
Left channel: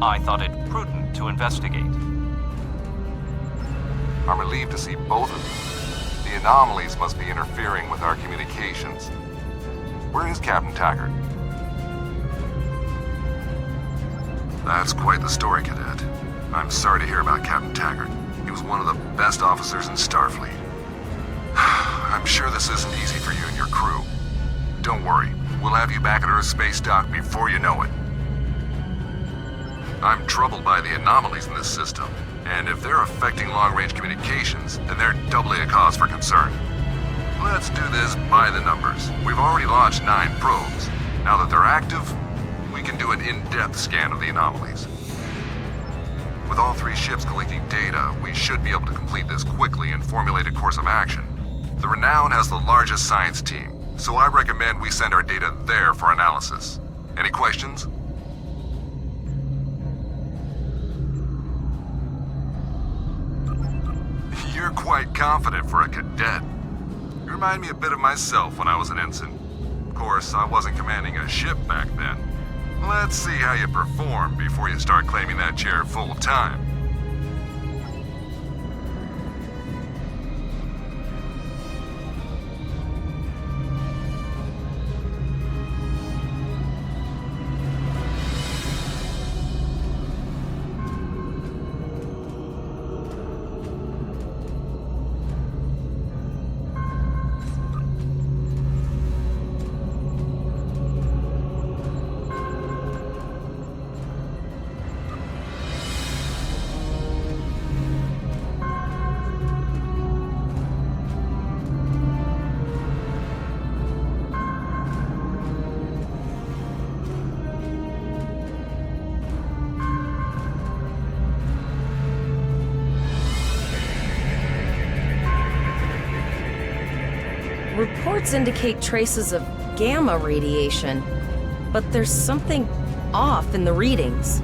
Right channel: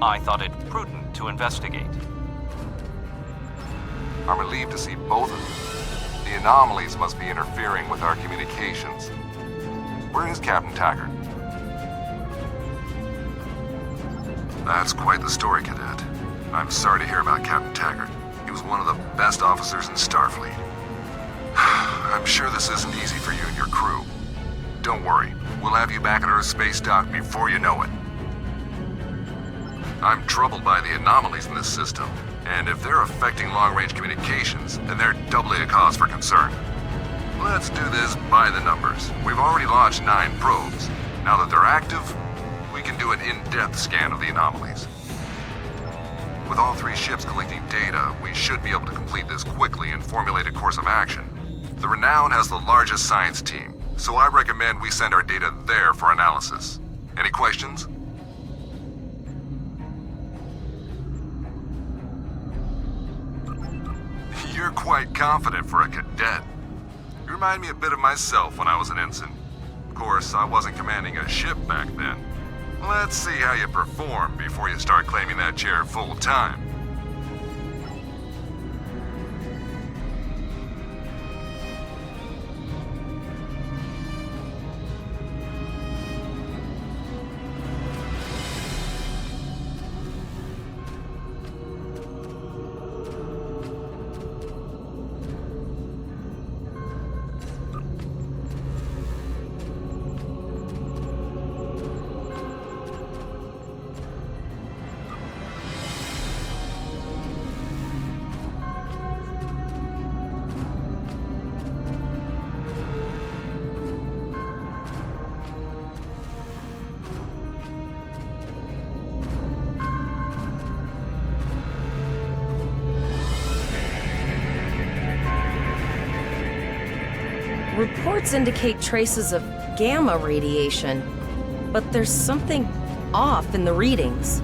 I thought it prudent to investigate. I'm relieved to see both of you. The anomalies must be interfering with our communications. Where is Captain Taggart? That's quite the story, Cadet. I'm sorry to hear about Captain Taggart. He was one of the best officers in Starfleet. I'm sure this isn't easy for you and your crew. Don't worry, we'll have you back at Earth Space Dock before you know it. I'm troubled by the anomalies in this system, and if they're affecting long-range communications, then they're doubly a cause for concern. Let's do this by the numbers. We've already launched 9 probes. Now that they're active, we can do an in-depth scan of the anomalies. With all 3 ships collecting data, we should be able to complete this quickly and formulate a course of action. The Renown has the largest science team, so I recommend we send our data there for analysis. Any questions? You're quite confident for a cadet. You remind me a bit of myself when I was an ensign. Of course, I wasn't commanding a ship back then. Let's see how you perform before you start claiming that chair full time. Reports indicate traces of gamma radiation, but there's something off in the readings.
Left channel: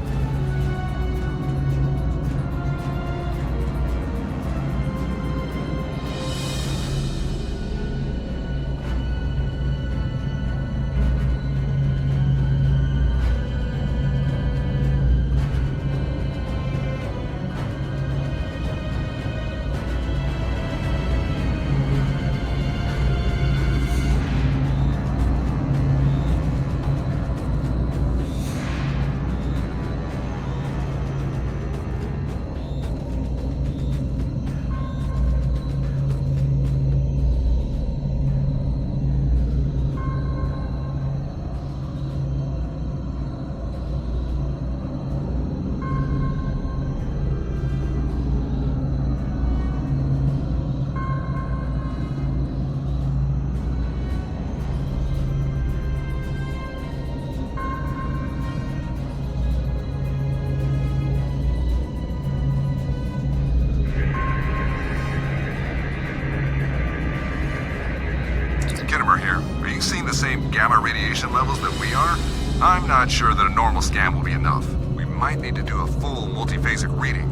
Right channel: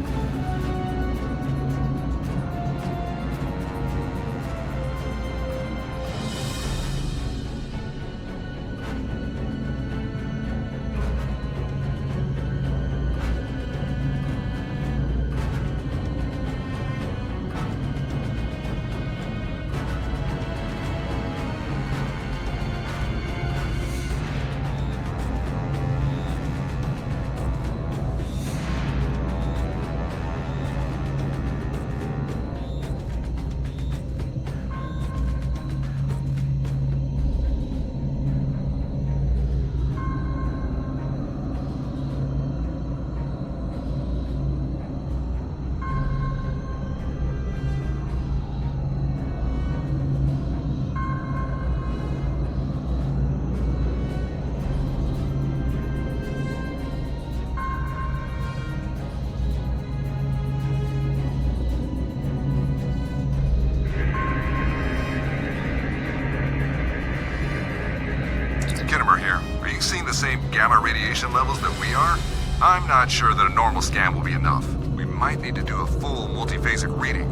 Same gamma radiation levels that we are? I'm not sure that a normal scan will be enough. We might need to do a full multiphasic reading.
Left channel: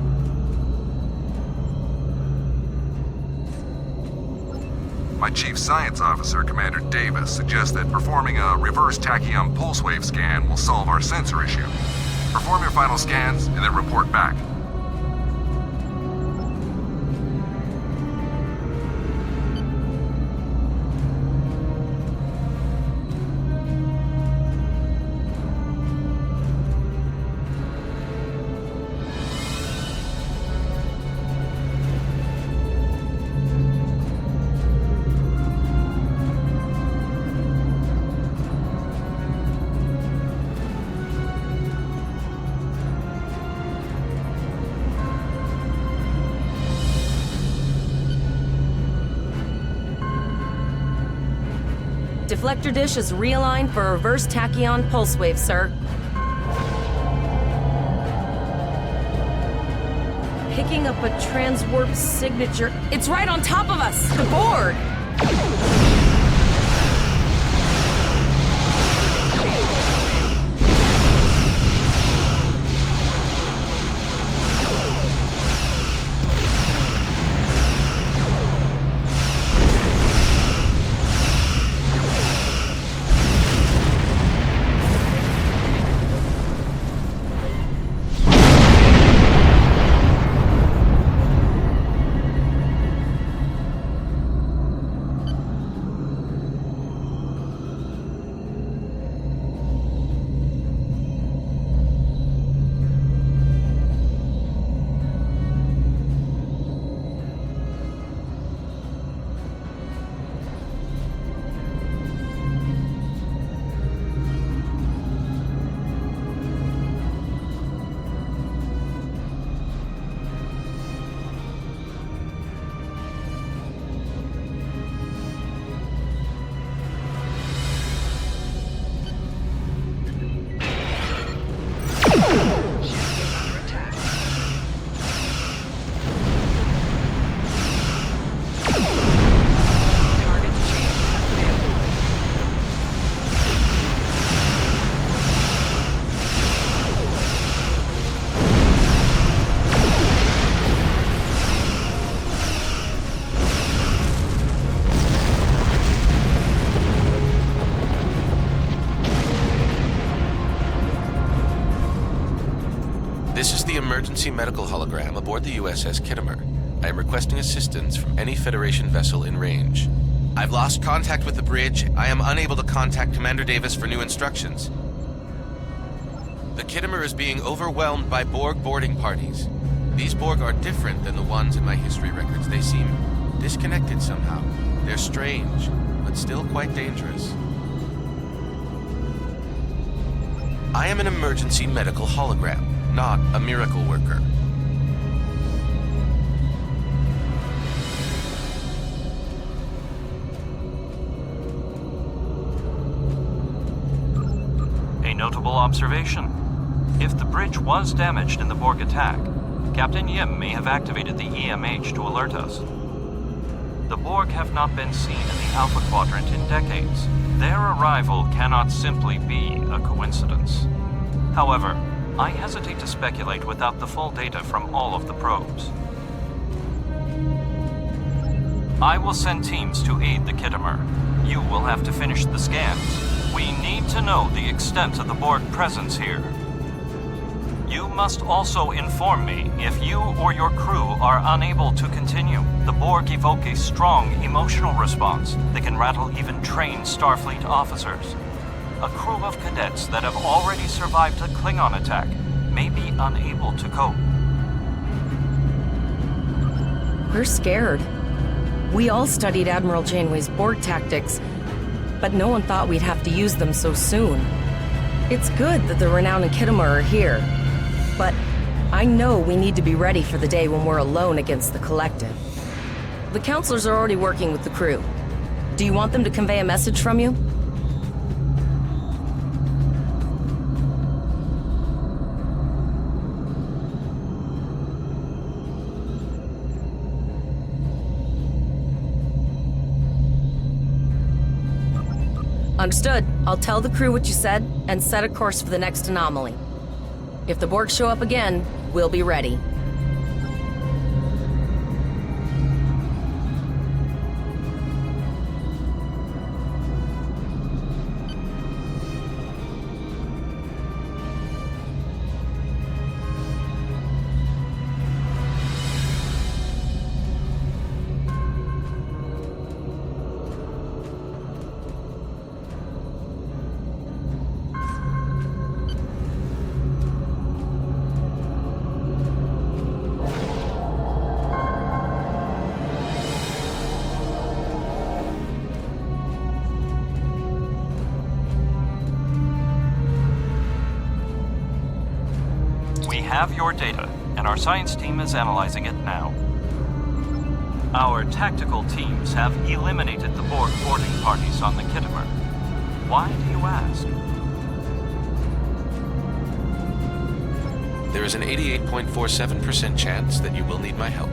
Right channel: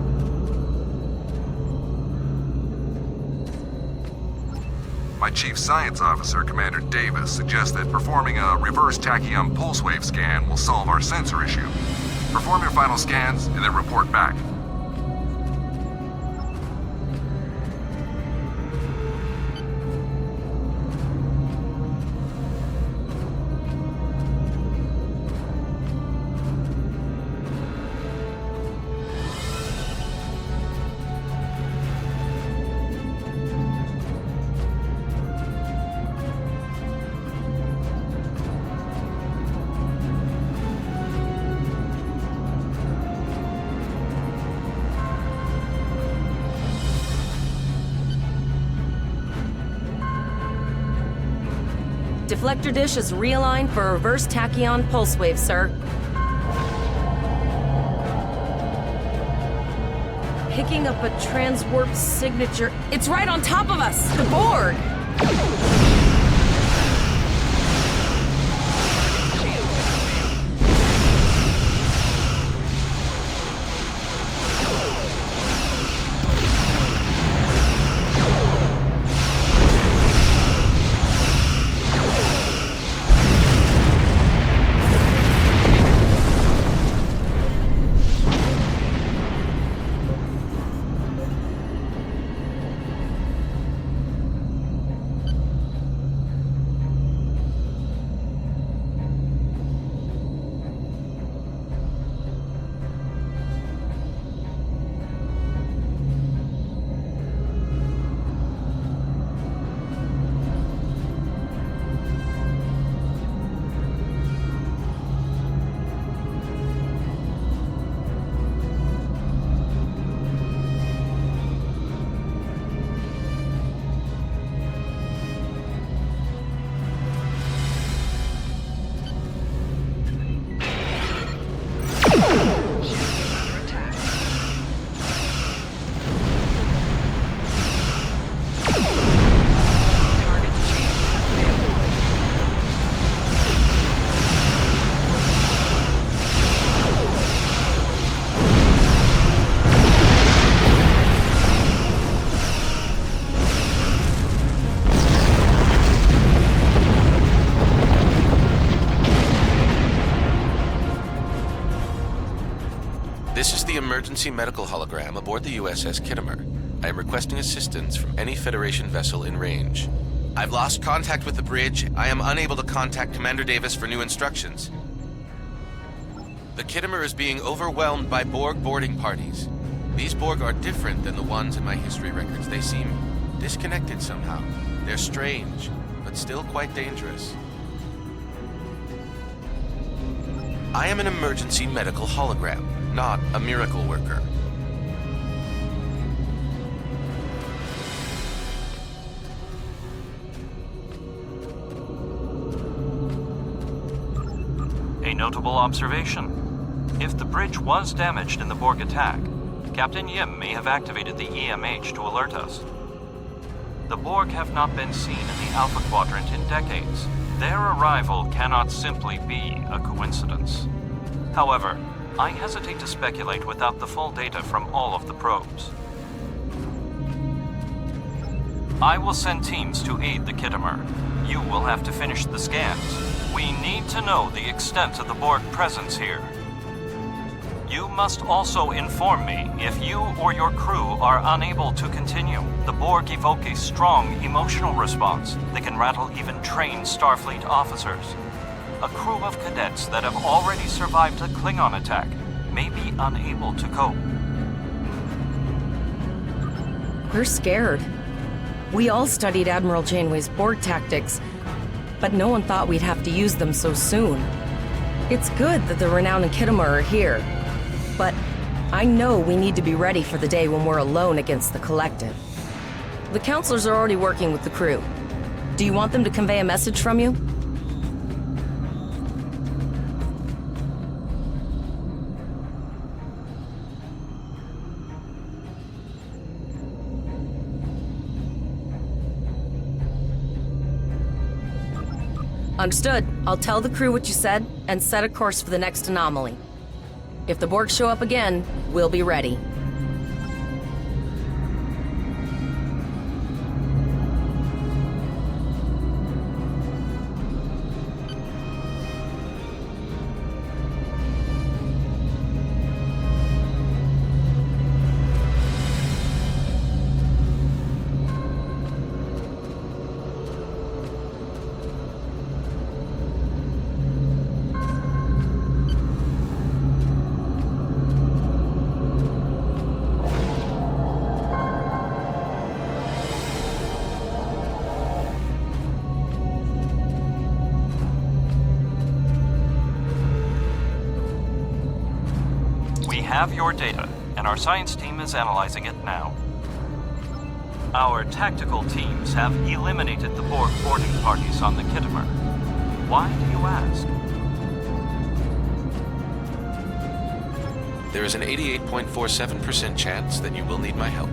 My chief science officer, Commander Davis, suggests that performing a reverse tachyon pulse wave scan will solve our sensor issue. Perform your final scans and then report back. Deflector dish is realigned for reverse tachyon pulse wave, sir. Picking up a transwarp signature. It's right on top of us! The Borg! This is the emergency medical hologram aboard the USS Kittimer. I am requesting assistance from any Federation vessel in range. I've lost contact with the bridge. I am unable to contact Commander Davis for new instructions. The Kittimer is being overwhelmed by Borg boarding parties. These Borg are different than the ones in my history records. They seem disconnected somehow. They're strange, but still quite dangerous. I am an emergency medical hologram, not a miracle worker. A notable observation. If the bridge was damaged in the Borg attack, Captain Yim may have activated the EMH to alert us. The Borg have not been seen in the Alpha Quadrant in decades. Their arrival cannot simply be a coincidence. However, I hesitate to speculate without the full data from all of the probes. I will send teams to aid the Kittimer. You will have to finish the scans. We need to know the extent of the Borg presence here. You must also inform me if you or your crew are unable to continue. The Borg evoke a strong emotional response that can rattle even trained Starfleet officers. A crew of cadets that have already survived a Klingon attack may be unable to cope. We're scared. We all studied Admiral Janeway's Borg tactics, but no one thought we'd have to use them so soon. It's good that the Renown and Kittimer are here, but I know we need to be ready for the day when we're alone against the Collective. The counselors are already working with the crew. Do you want them to convey a message from you? Understood. I'll tell the crew what you said and set a course for the next anomaly. If the Borg show up again, we'll be ready. We have your data, and our science team is analyzing it now. Our tactical teams have eliminated the Borg boarding parties on the Kittimer. Why do you ask? There is an 88.47% chance that you will need my help.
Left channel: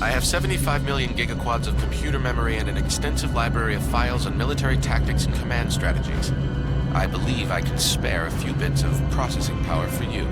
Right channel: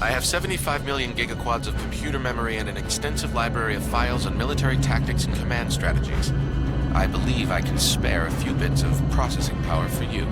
I have 75 million gigaquads of computer memory and an extensive library of files on military tactics and command strategies. I believe I can spare a few bits of processing power for you.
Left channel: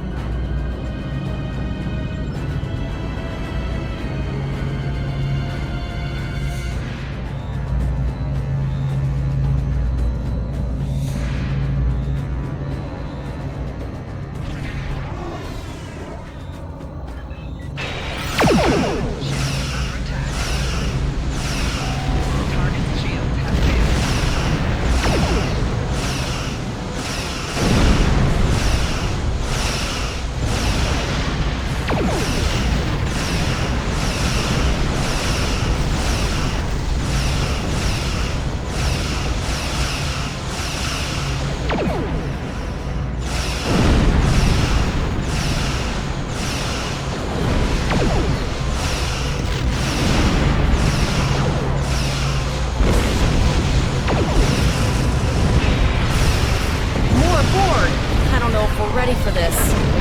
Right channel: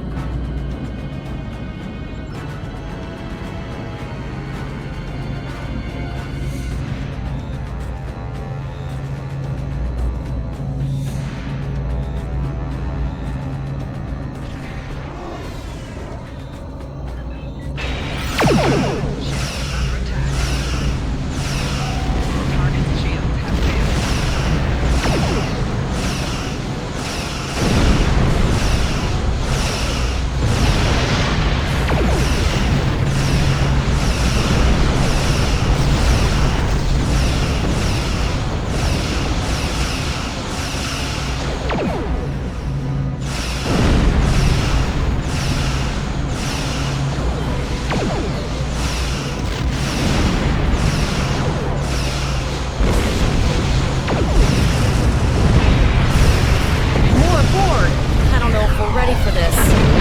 Ready for this.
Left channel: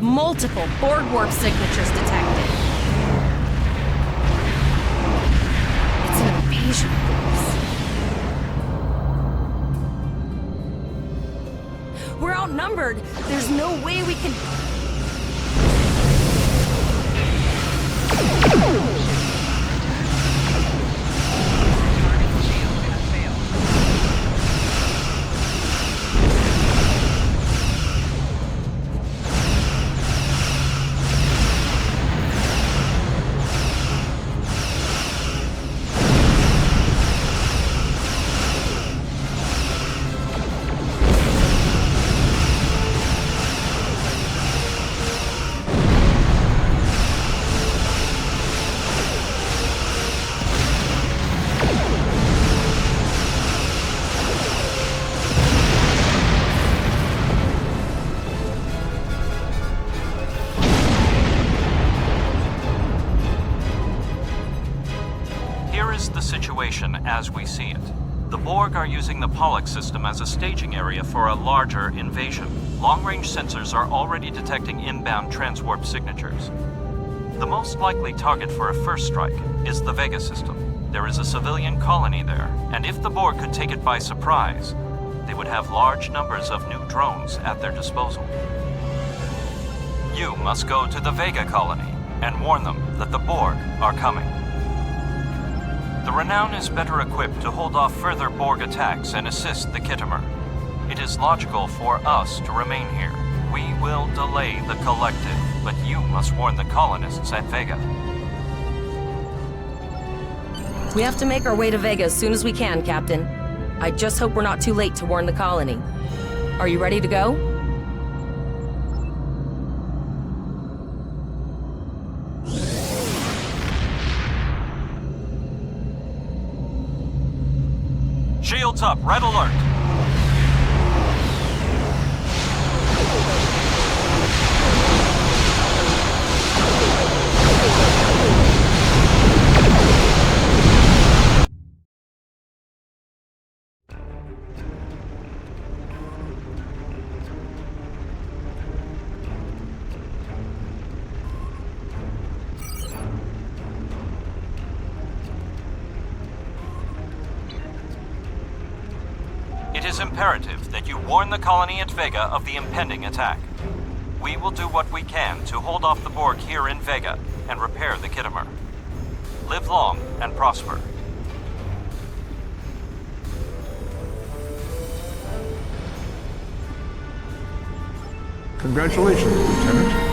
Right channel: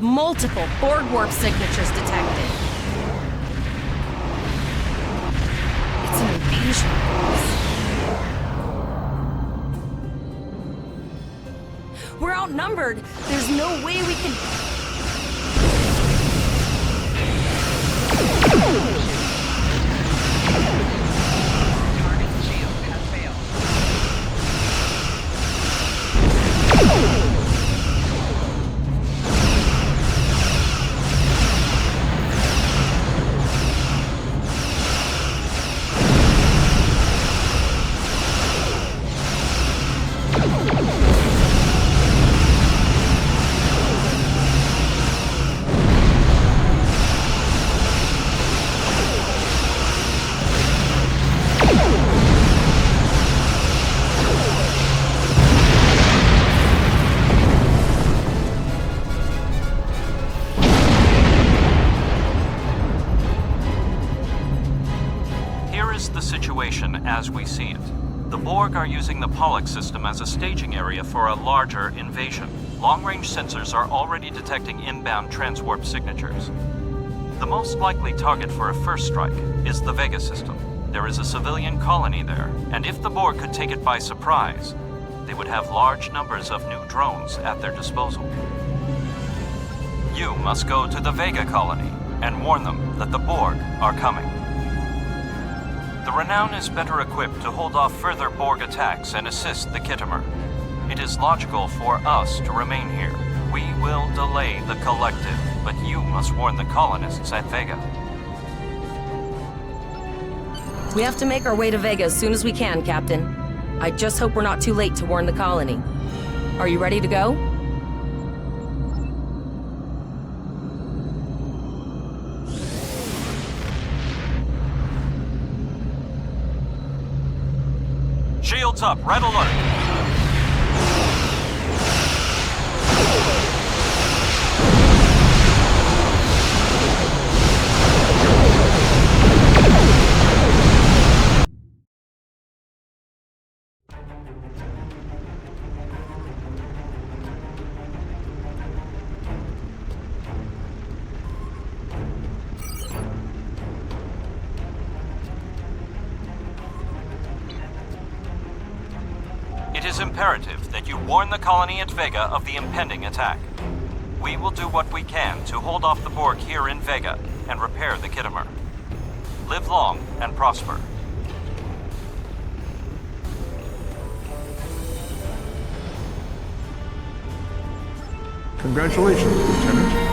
Multiple Borg warp signatures detected. It's an invasion force. We're outnumbered. There's no way we can... The situation as we see it. The Borg are using the Pollux system as a staging area for a larger invasion. Long-range sensors are already detecting inbound transwarp signatures. The most likely target for a first strike is the Vega system. There is a civilian colony there, and if the Borg could take it by surprise, they would have large numbers of new drones at their disposal. You must go to the Vega colony and warn them that the Borg are coming. The Renown is better equipped to hold off further Borg attacks and assist the Kittimer. It is logical for us to remain here. We will delay the Collective, but you must warn the colonists at Vega. We have to make our way to Vega as soon as we can, Captain. I just hope we're not too late to warn the colony. Are you ready to go? Shields up, red alert! It is imperative that you warn the colony at Vega of the impending attack. We will do what we can to hold off the Borg here in Vega and repair the Khitomer. Live long and prosper. Congratulations, Lieutenant.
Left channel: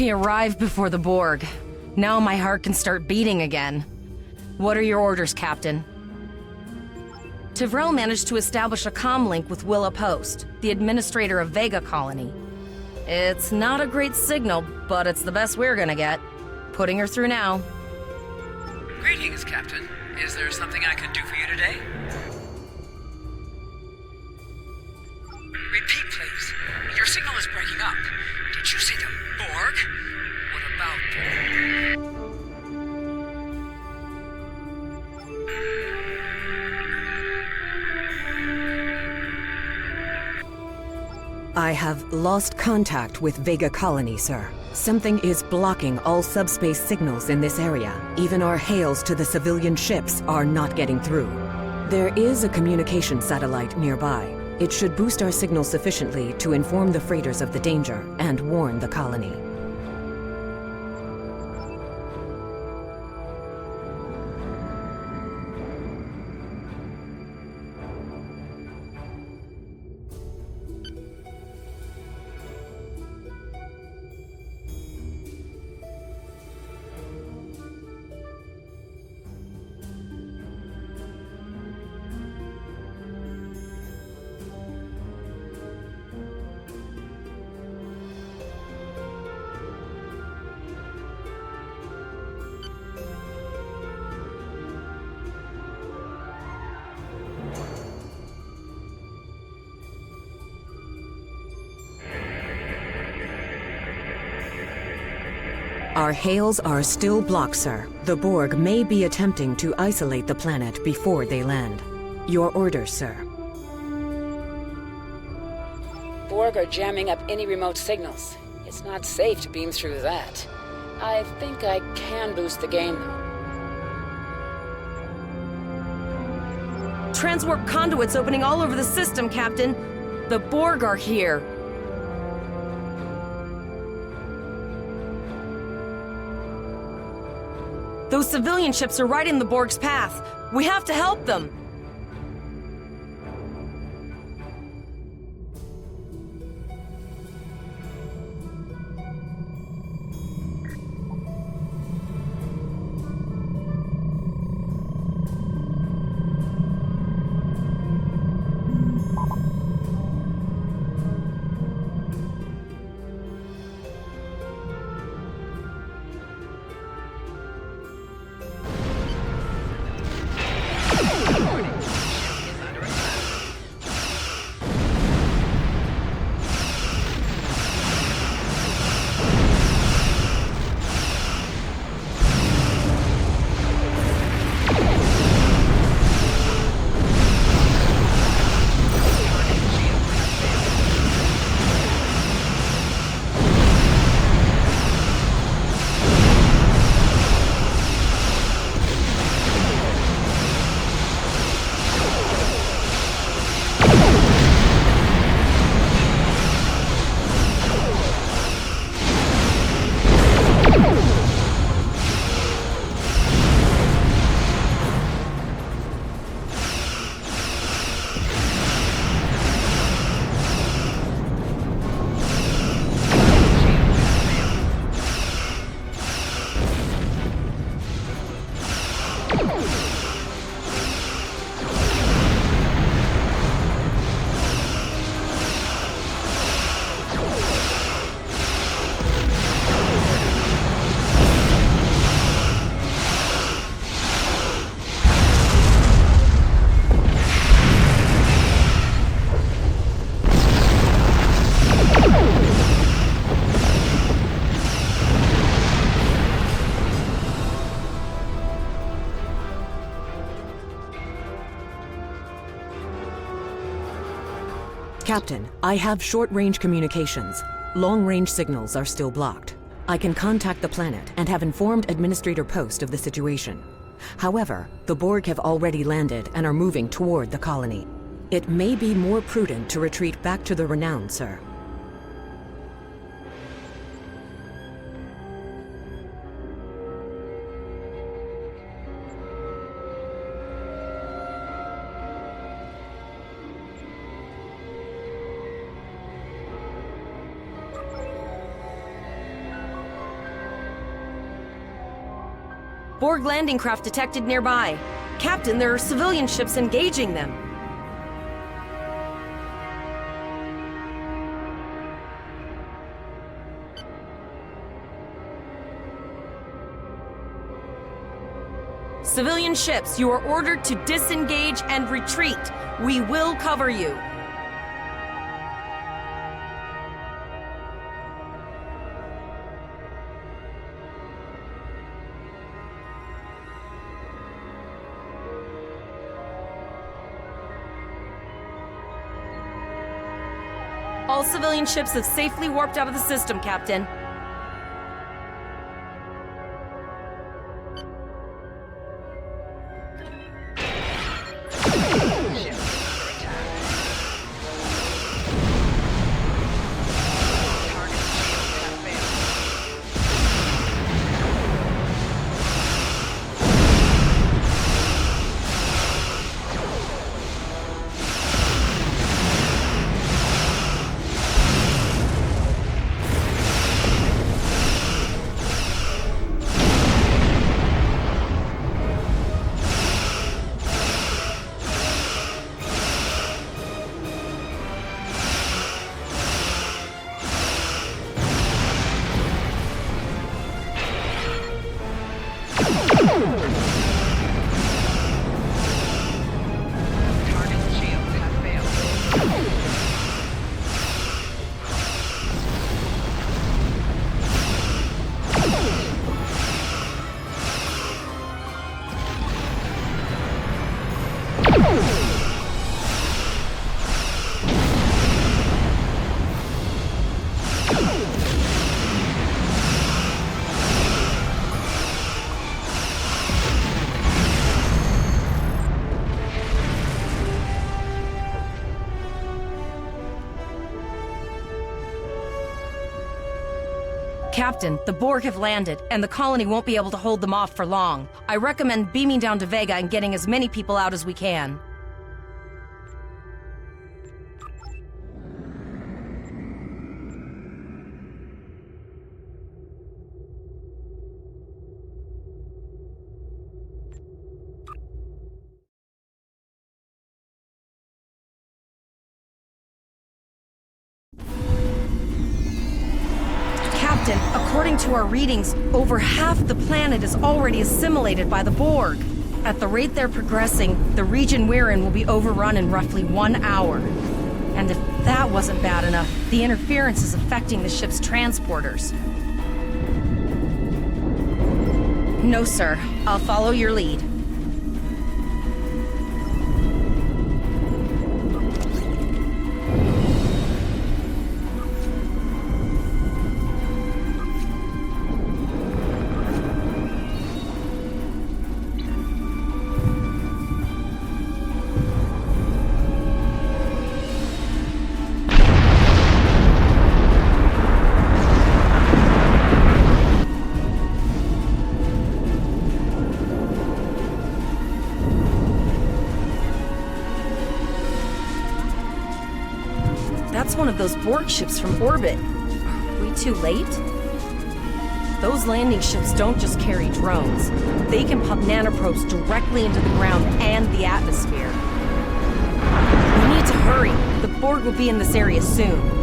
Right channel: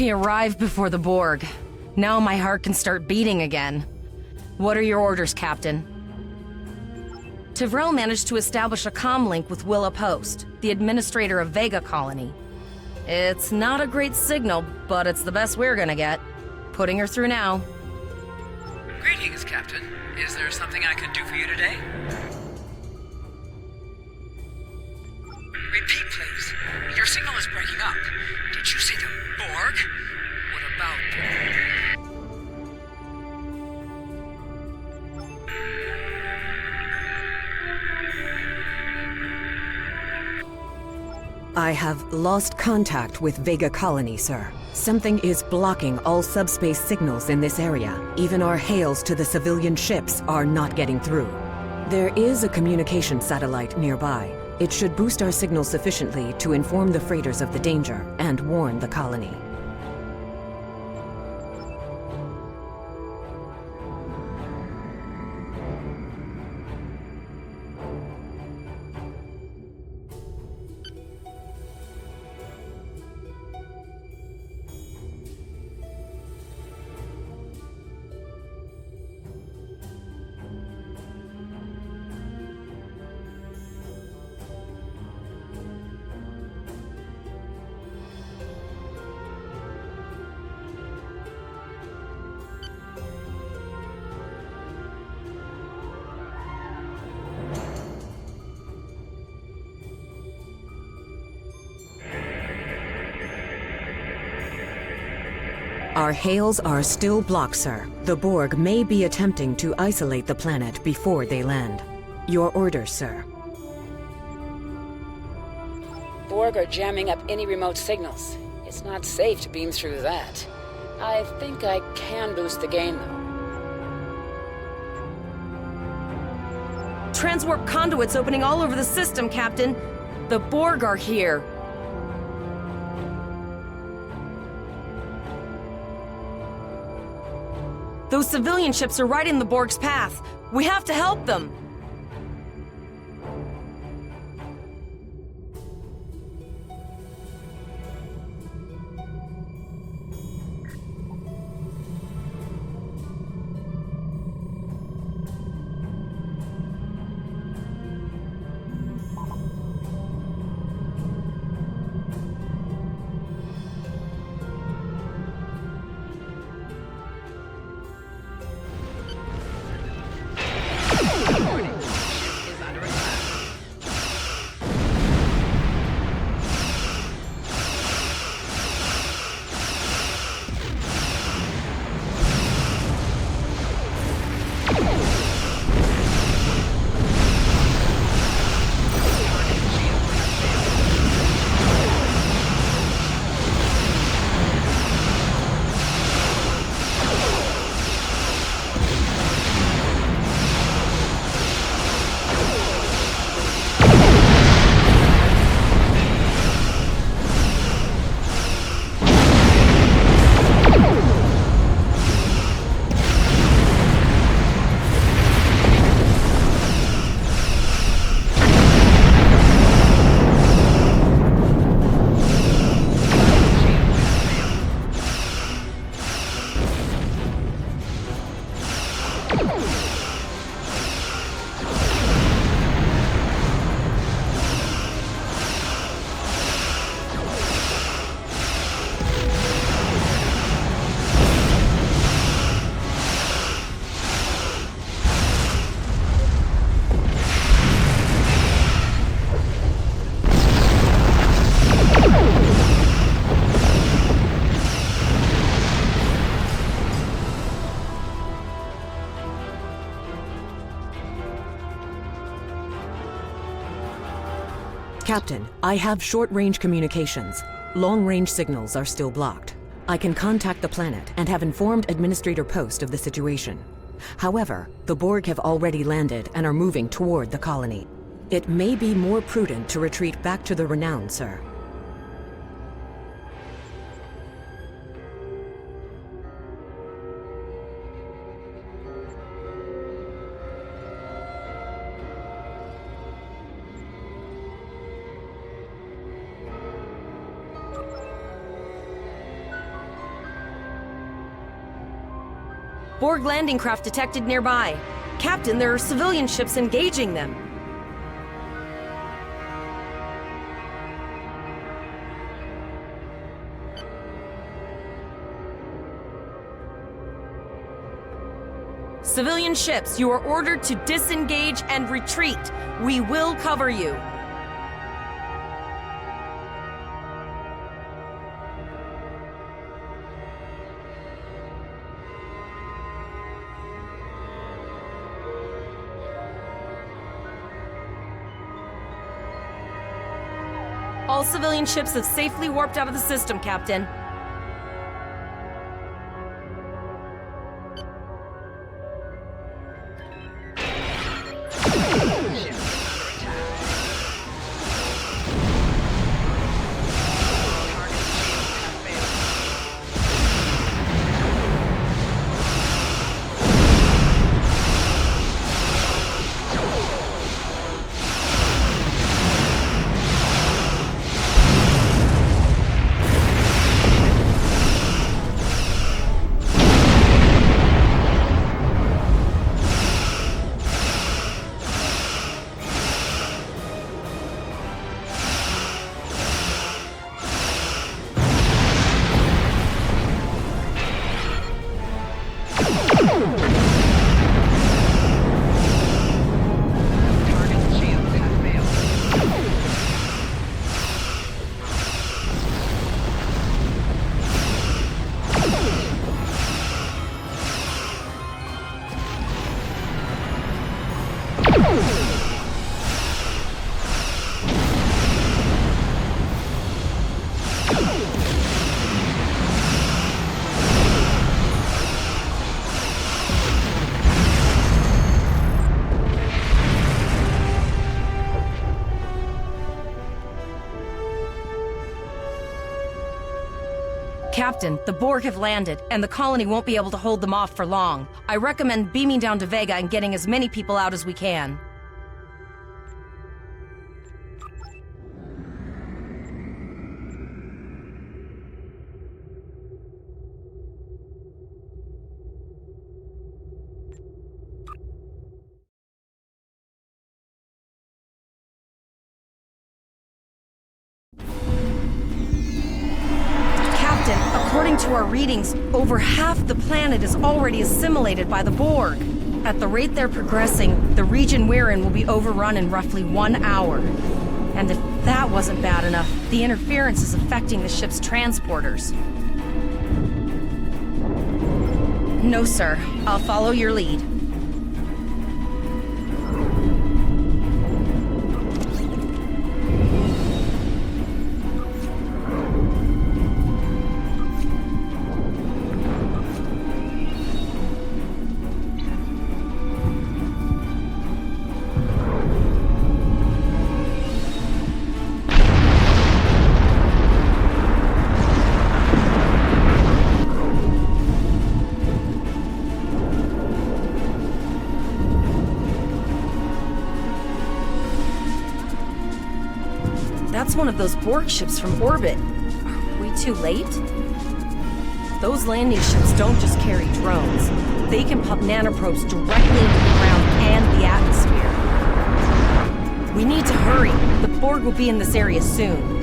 We arrived before the Borg. Now my heart can start beating again. What are your orders, Captain? Tivrell managed to establish a comm link with Willa Post, the administrator of Vega Colony. It's not a great signal, but it's the best we're gonna get. Putting her through now. Greetings, Captain. Is there something I can do for you today? Repeat, please. Your signal is breaking up. Did you say the Borg? What about I have lost contact with Vega Colony, sir. Something is blocking all subspace signals in this area. Even our hails to the civilian ships are not getting through. There is a communication satellite nearby. It should boost our signal sufficiently to inform the freighters of the danger and warn the colony. Our hails are still blocked, sir. The Borg may be attempting to isolate the planet before they land. Your orders, sir. Borg are jamming up any remote signals. It's not safe to beam through that. I think I can boost the gain, though. Transwarp conduits opening all over the system, Captain. The Borg are here. Those civilian ships are right in the Borg's path. We have to help them. Captain, I have short-range communications. Long-range signals are still blocked. I can contact the planet and have informed Administrator Post of the situation. However, the Borg have already landed and are moving toward the colony. It may be more prudent to retreat back to the Renown, sir. Borg landing craft detected nearby. Captain, there are civilian ships engaging them. Civilian ships, you are ordered to disengage and retreat. We will cover you. All civilian ships have safely warped out of the system, Captain. Captain, the Borg have landed, and the colony won't be able to hold them off for long. I recommend beaming down to Vega and getting as many people out as we can. Captain, according to our readings, over half the planet is already assimilated by the Borg. At the rate they're progressing, the region we're in will be overrun in roughly 1 hour. And if that wasn't bad enough, the interference is affecting the ship's transporters. No, sir. I'll follow your lead. That's one of those Borg ships from orbit. Are we too late? Those landing ships don't just carry drones. They can pump nanoprobes directly into the ground and the atmosphere. We need to hurry. The Borg will be in this area soon.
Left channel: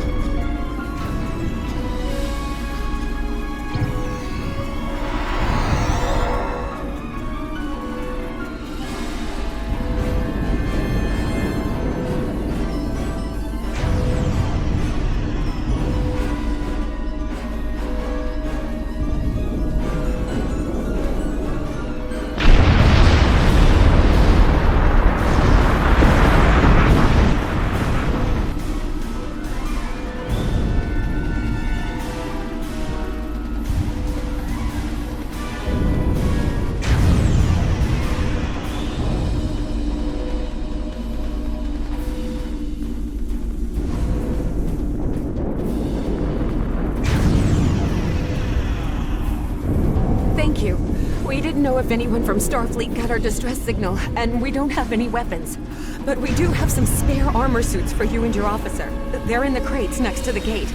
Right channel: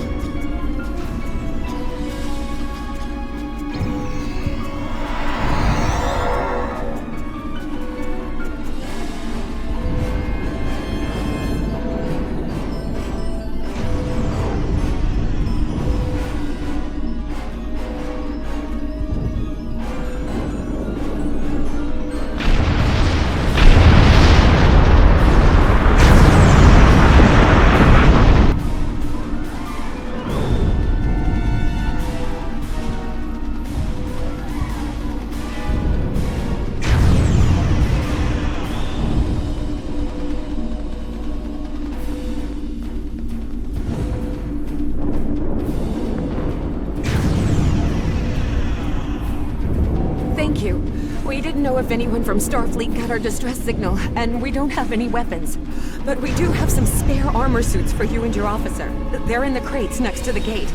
Thank you. We didn't know if anyone from Starfleet got our distress signal, and we don't have any weapons. But we do have some spare armor suits for you and your officer. They're in the crates next to the gate.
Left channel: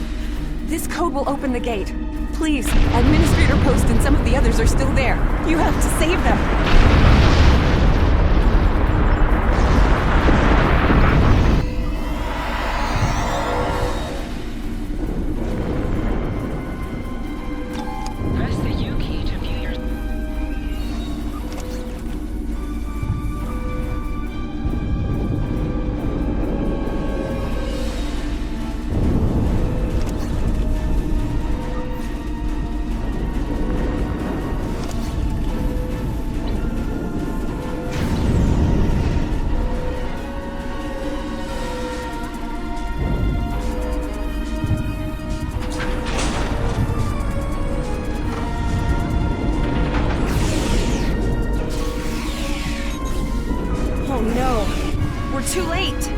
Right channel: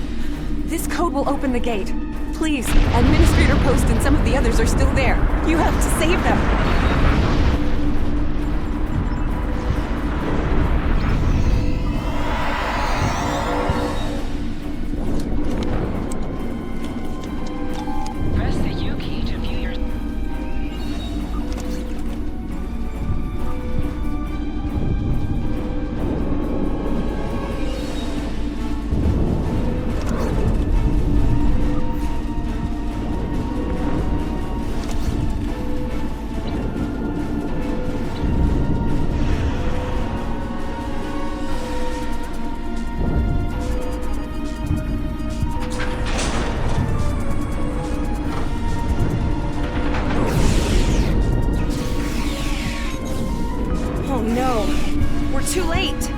This code will open the gate. Please, Administrator Post and some of the others are still there. You have to save them. Press the U key to view your... Oh no, we're too late.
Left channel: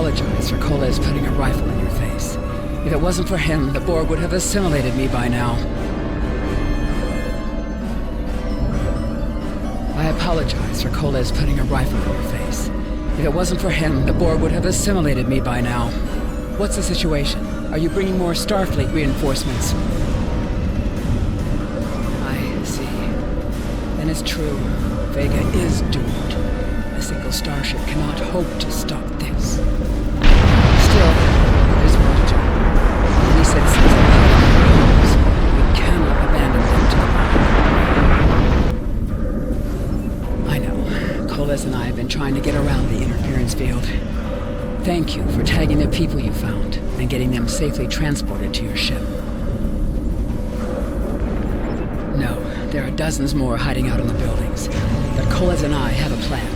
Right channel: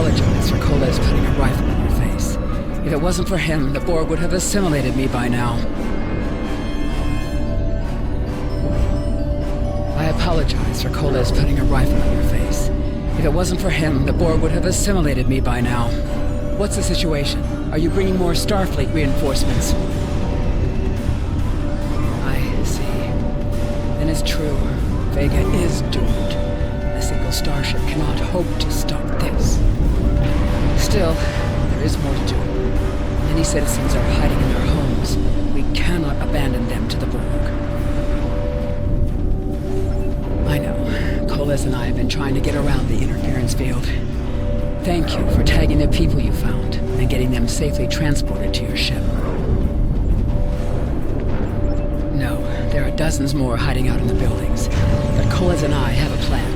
apologize for Coles putting a rifle in your face. If it wasn't for him, the Borg would have assimilated me by now. I apologize for Coles putting a rifle in your face. If it wasn't for him, the Borg would have assimilated me by now. What's the situation? Are you bringing more Starfleet reinforcements? I see. Then it's true. Vega is doomed. A single starship cannot hope to stop this. Still, there's more to do. Many citizens are hiding in their homes. We cannot abandon them to the Borg. I know. Coles and I have been trying to get around the interference field. Thank you for tagging the people you found and getting them safely transported to your ship. No, there are dozens more hiding out in the buildings, but Coles and I have a plan.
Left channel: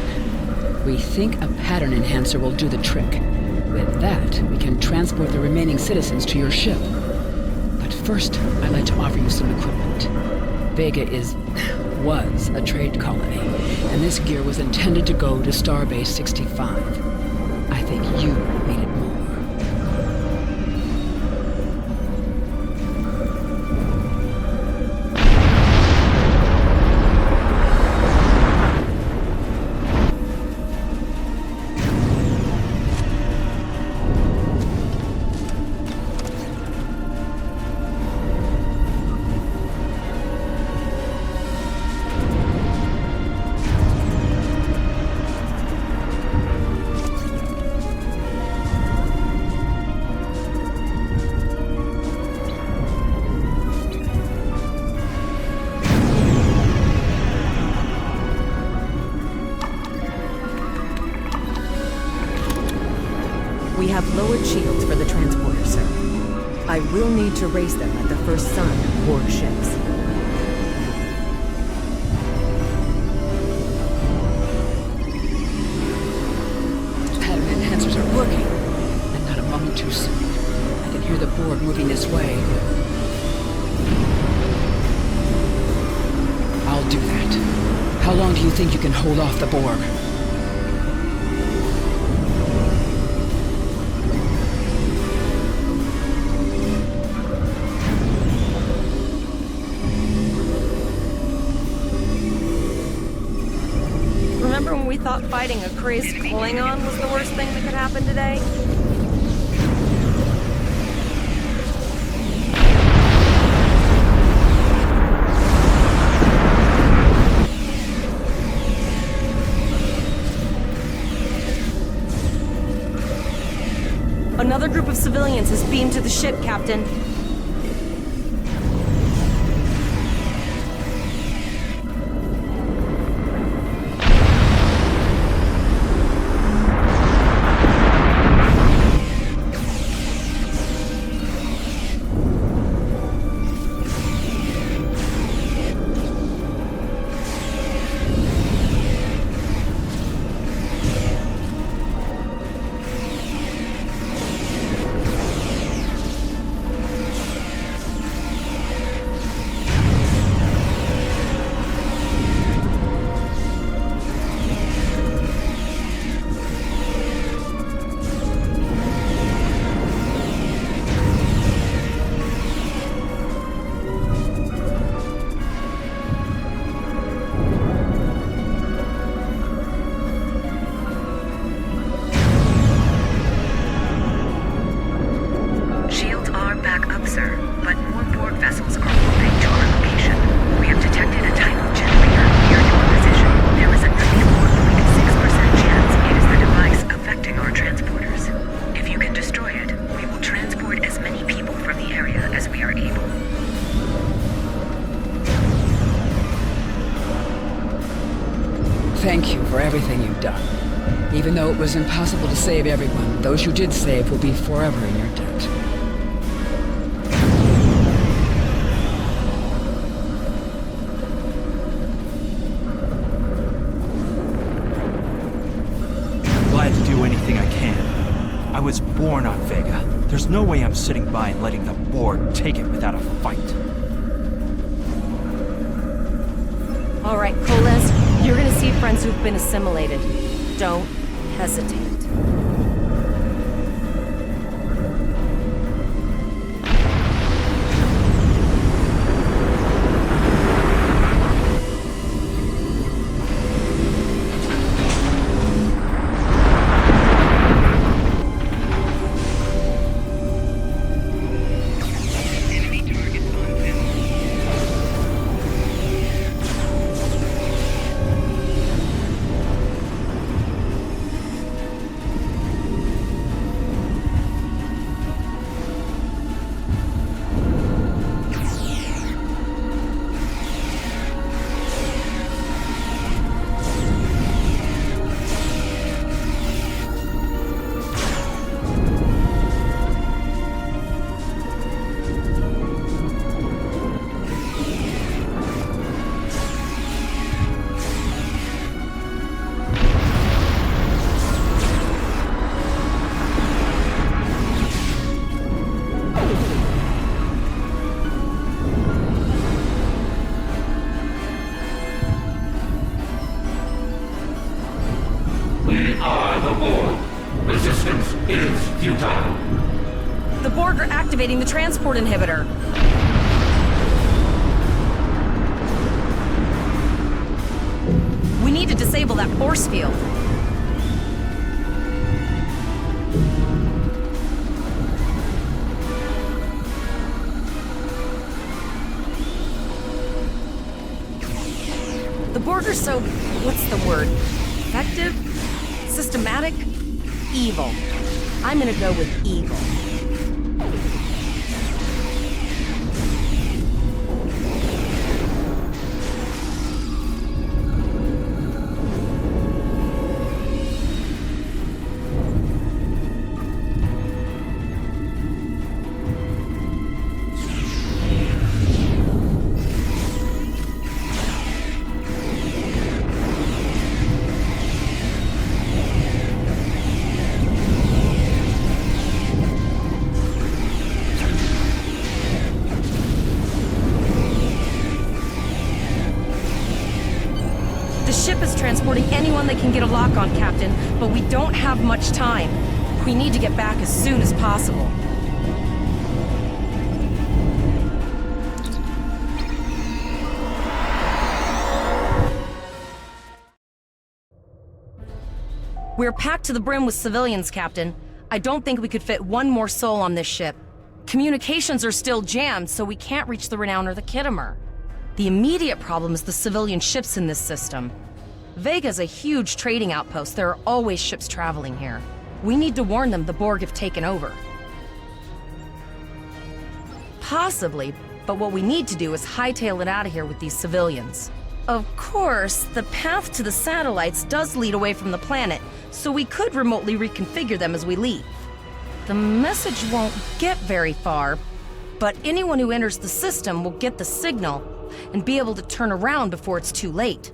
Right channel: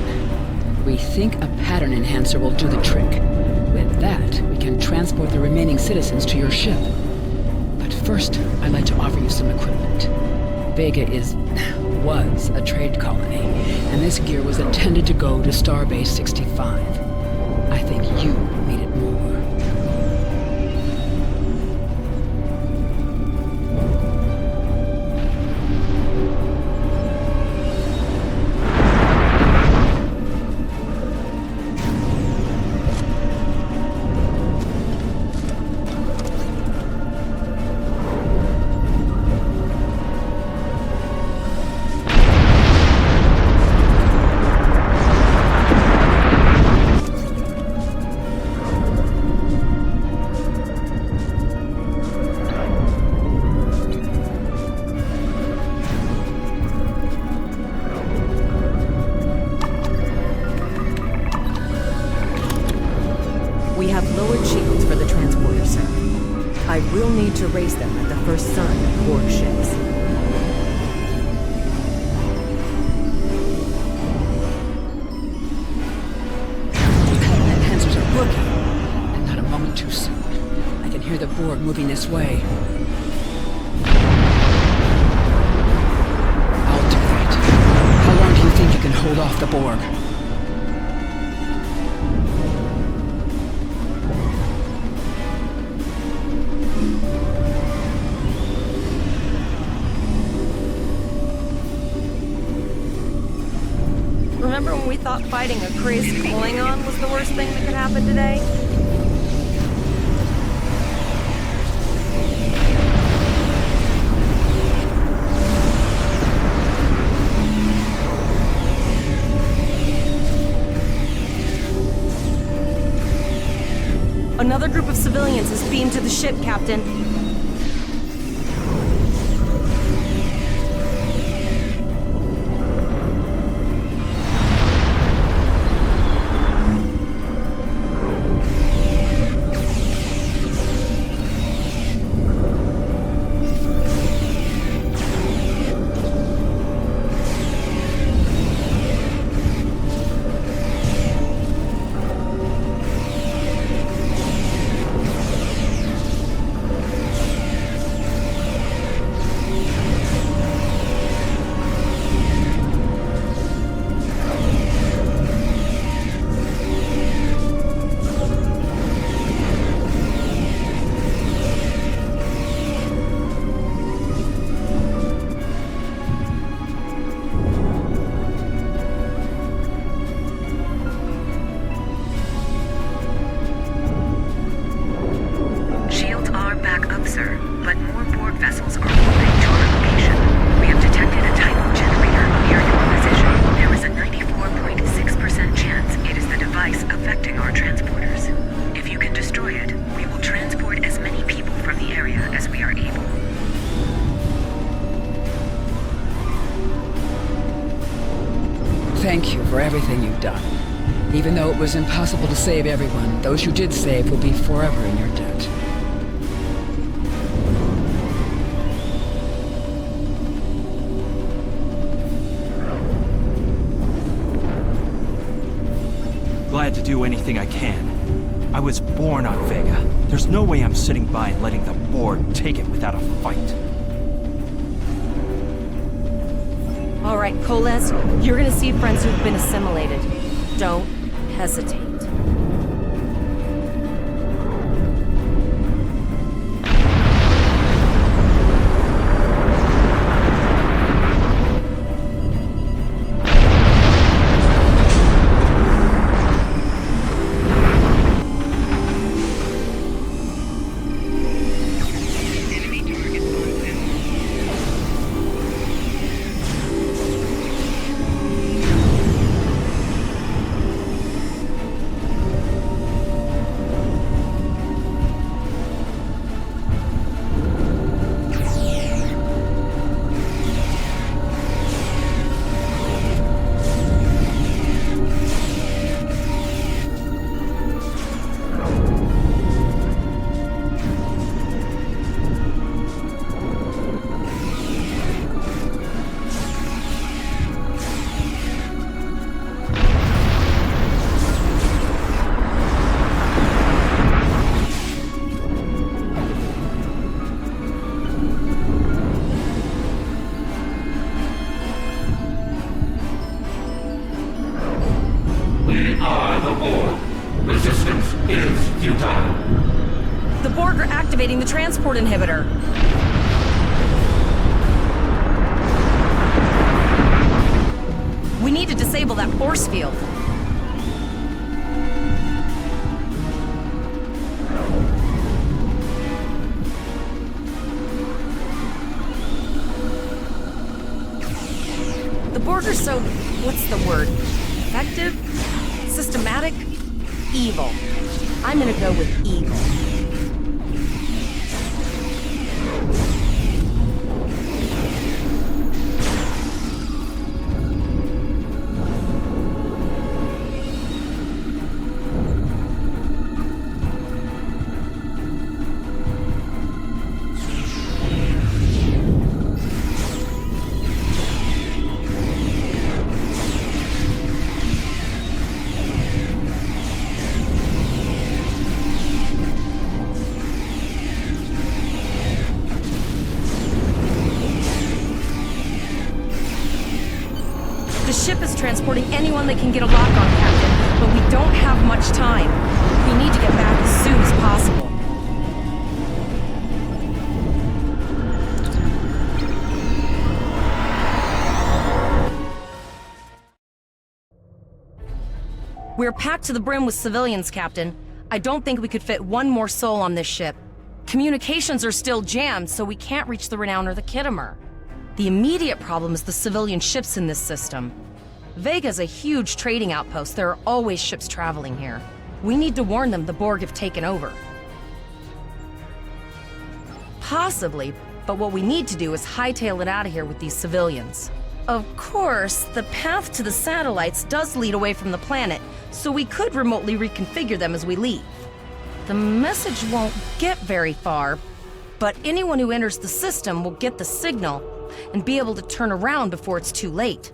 We think a pattern enhancer will do the trick. With that, we can transport the remaining citizens to your ship. But first, I'd like to offer you some equipment. Vega was a trade colony, and this gear was intended to go to Starbase 65. I think you need it more. We have lowered shields for the transporter, sir. I will need to raise them at the first sign of Borg ships. Pattern enhancers are working, and not a moment too soon. I can hear the Borg moving this way. I'll do that. How long do you think you can hold off the Borg? Remember when we thought fighting a crazed Klingon was the worst thing that could happen today? Another group of civilians is beamed to the ship, Captain. Sir, but more Borg vessels are moving to our location. We have detected a tidal generator near your position. There is a 94.6% chance it is the device affecting our transporters. If you can destroy it, we will transport as many people from the area as we are able. Thank you for everything you've done. Even though it was impossible to save everyone, those you did save will be forever in your debt. Glad to do anything I can. I was born on Vega. There's no way I'm sitting by and letting the Borg take it without a fight. All right, Coles, you're gonna see friends who've been assimilated. Don't hesitate. aboard. Resistance is futile. The Borg are activating the transport inhibitor. We need to disable that force field. The Borg are so... what's the word? Effective? Systematic? Evil. I'm gonna go with evil. The ship is transporting anyone they can get a lock on, Captain, but we don't have much time. We need to get back as soon as possible. We're packed to the brim with civilians, Captain. I don't think we could fit one more soul on this ship. Communications are still jammed, so we can't reach the Renown or the Kittimer. The immediate problem is the civilian ships in this system. Vega's a huge trading outpost. There are always ships traveling here. We need to warn them the Borg have taken over. Possibly, but what we need to do is hightail it out of here with these civilians. Of course, the path to the satellites does lead away from the planet, so we could remotely reconfigure them as we leave. The message won't get very far, but anyone who enters the system will get the signal and be able to turn around before it's too late.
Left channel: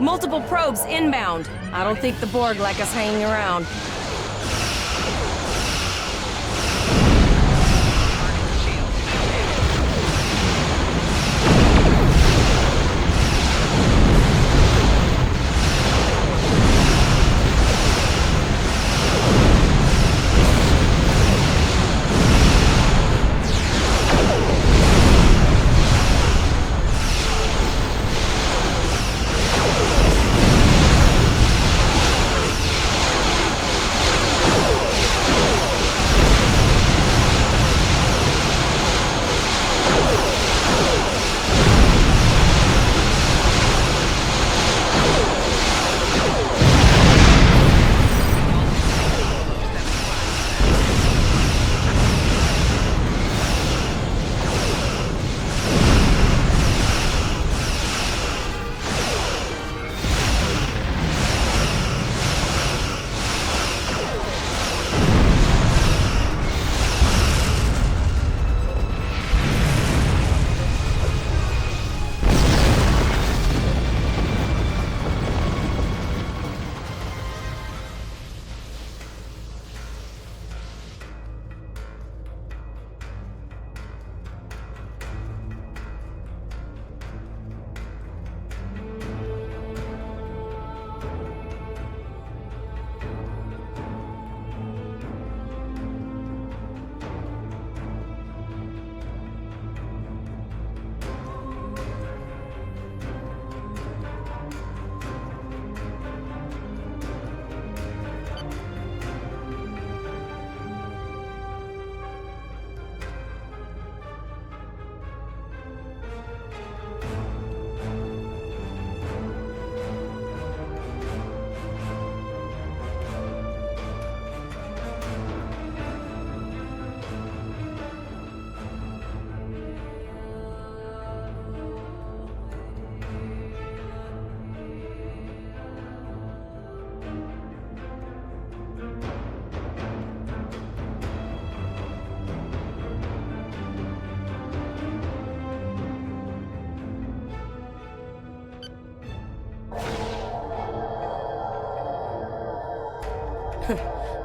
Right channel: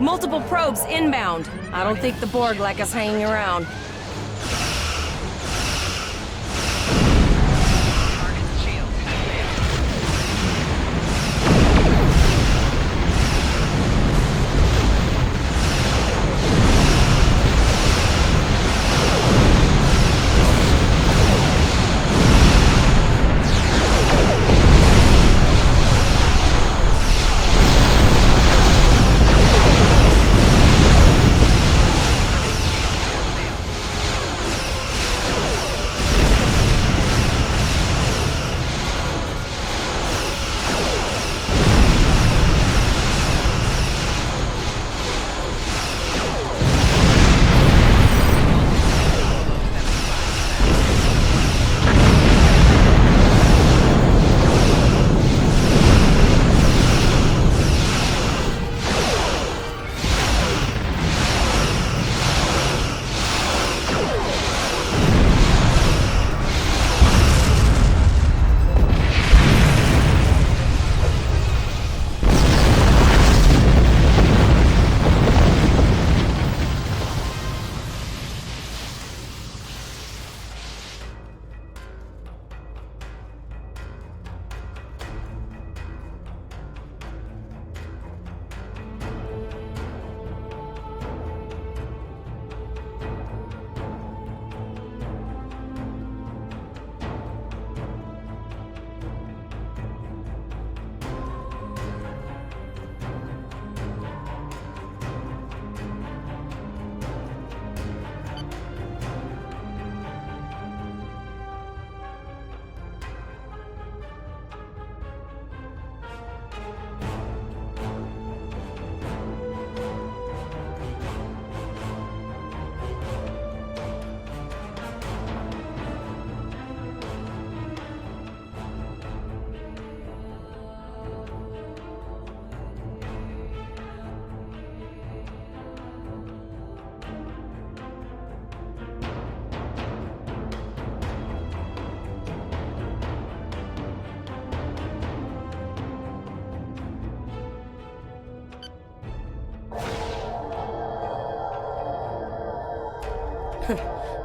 Multiple probes inbound. I don't think the Borg like us hanging around.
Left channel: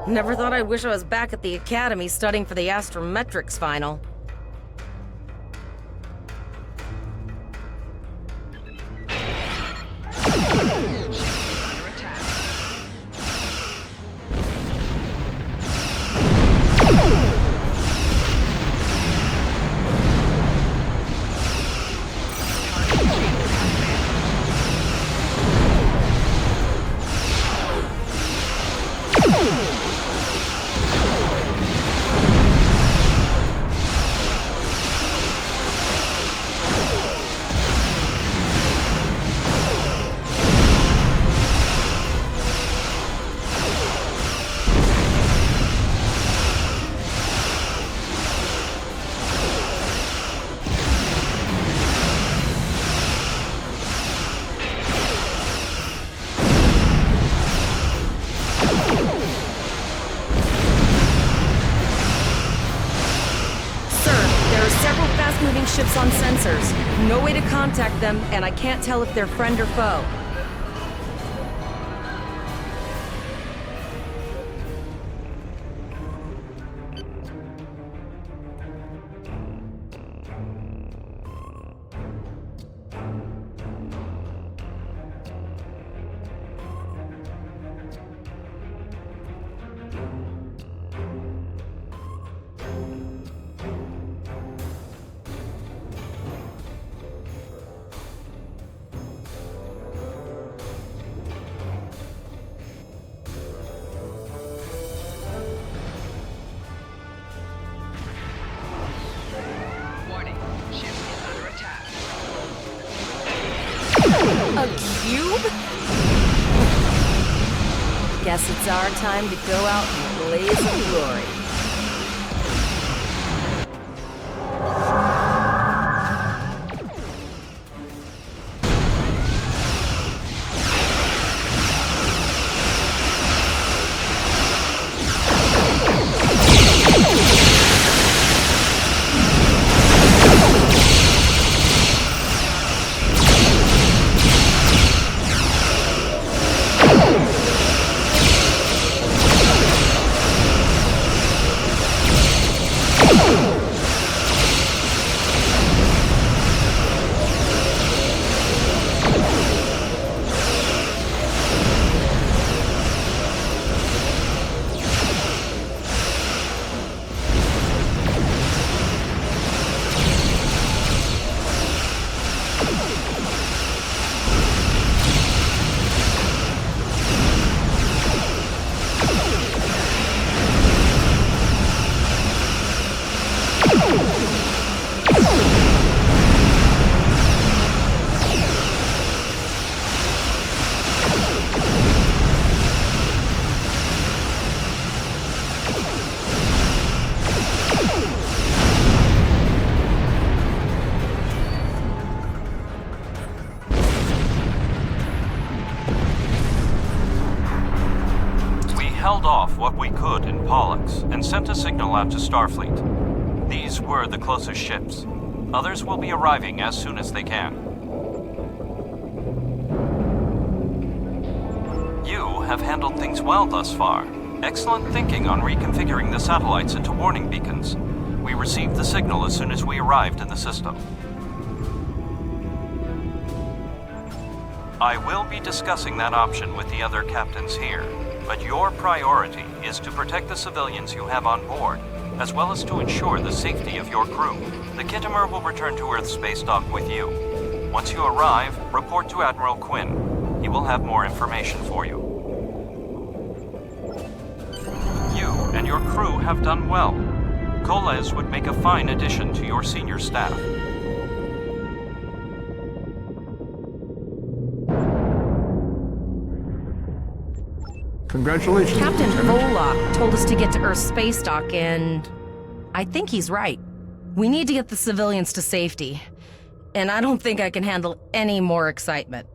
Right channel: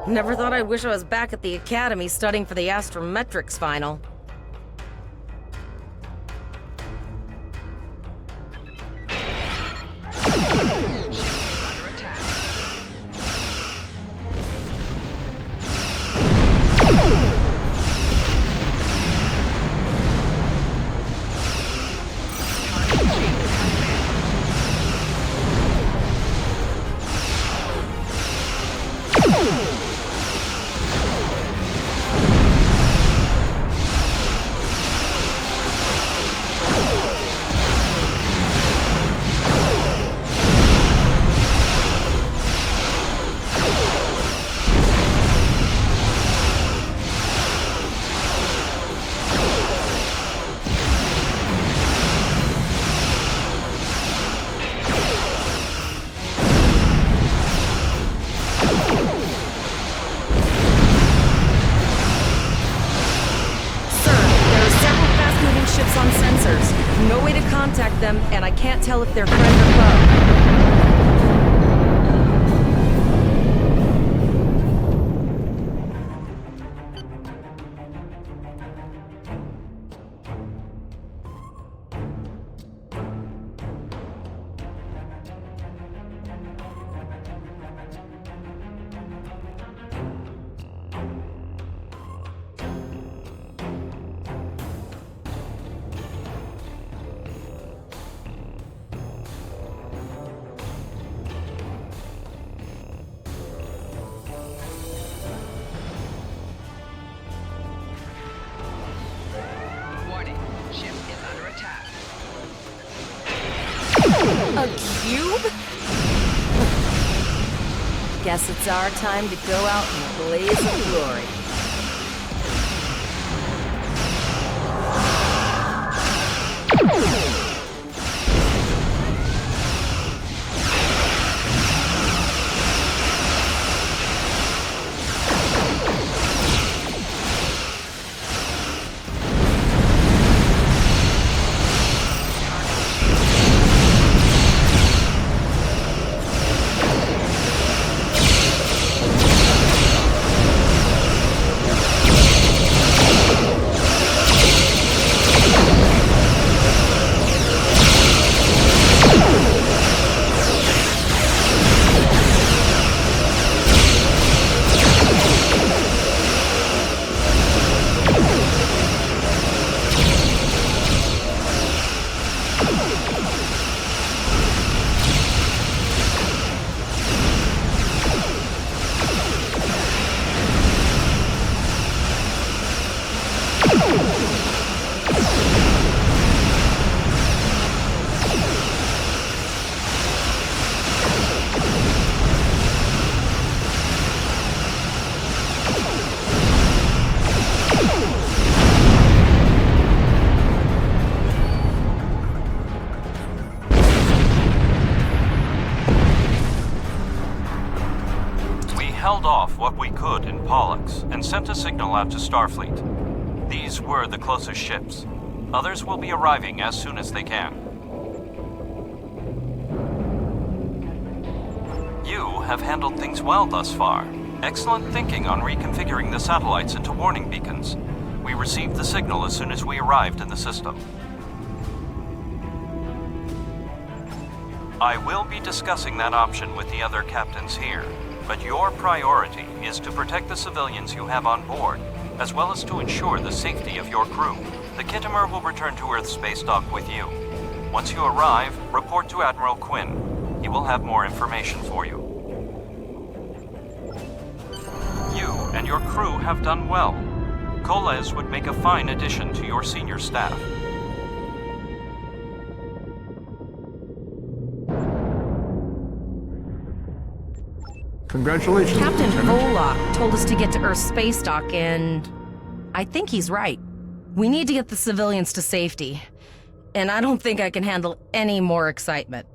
Never thought I'd wish I was back at the academy studying for the astrometrics final. Ships on sensors. No way to contact them, and I can't tell if they're friend or foe. A cube? Guess it's our time to go out in a blaze of glory. Held off what we could in Pollux and sent a signal out to Starfleet. These were the closest ships. Others will be arriving as soon as they can. You have handled things well thus far. Excellent thinking on reconfiguring the satellites into warning beacons. We received the signal as soon as we arrived in the system. I will be discussing that option with the other captains here. But your priority is to protect the civilians you have on board, as well as to ensure the safety of your crew. The Kittimer will return to Earth space dock with you. Once you arrive, report to Admiral Quinn. He will have more information for you. You and your crew have done well. Koles would make a fine addition to your senior staff. Congratulations, Captain Lieutenant. Volok told us to get to Earth's space dock, and I think he's right. We need to get the civilians to safety, and I don't think I can handle any more excitement.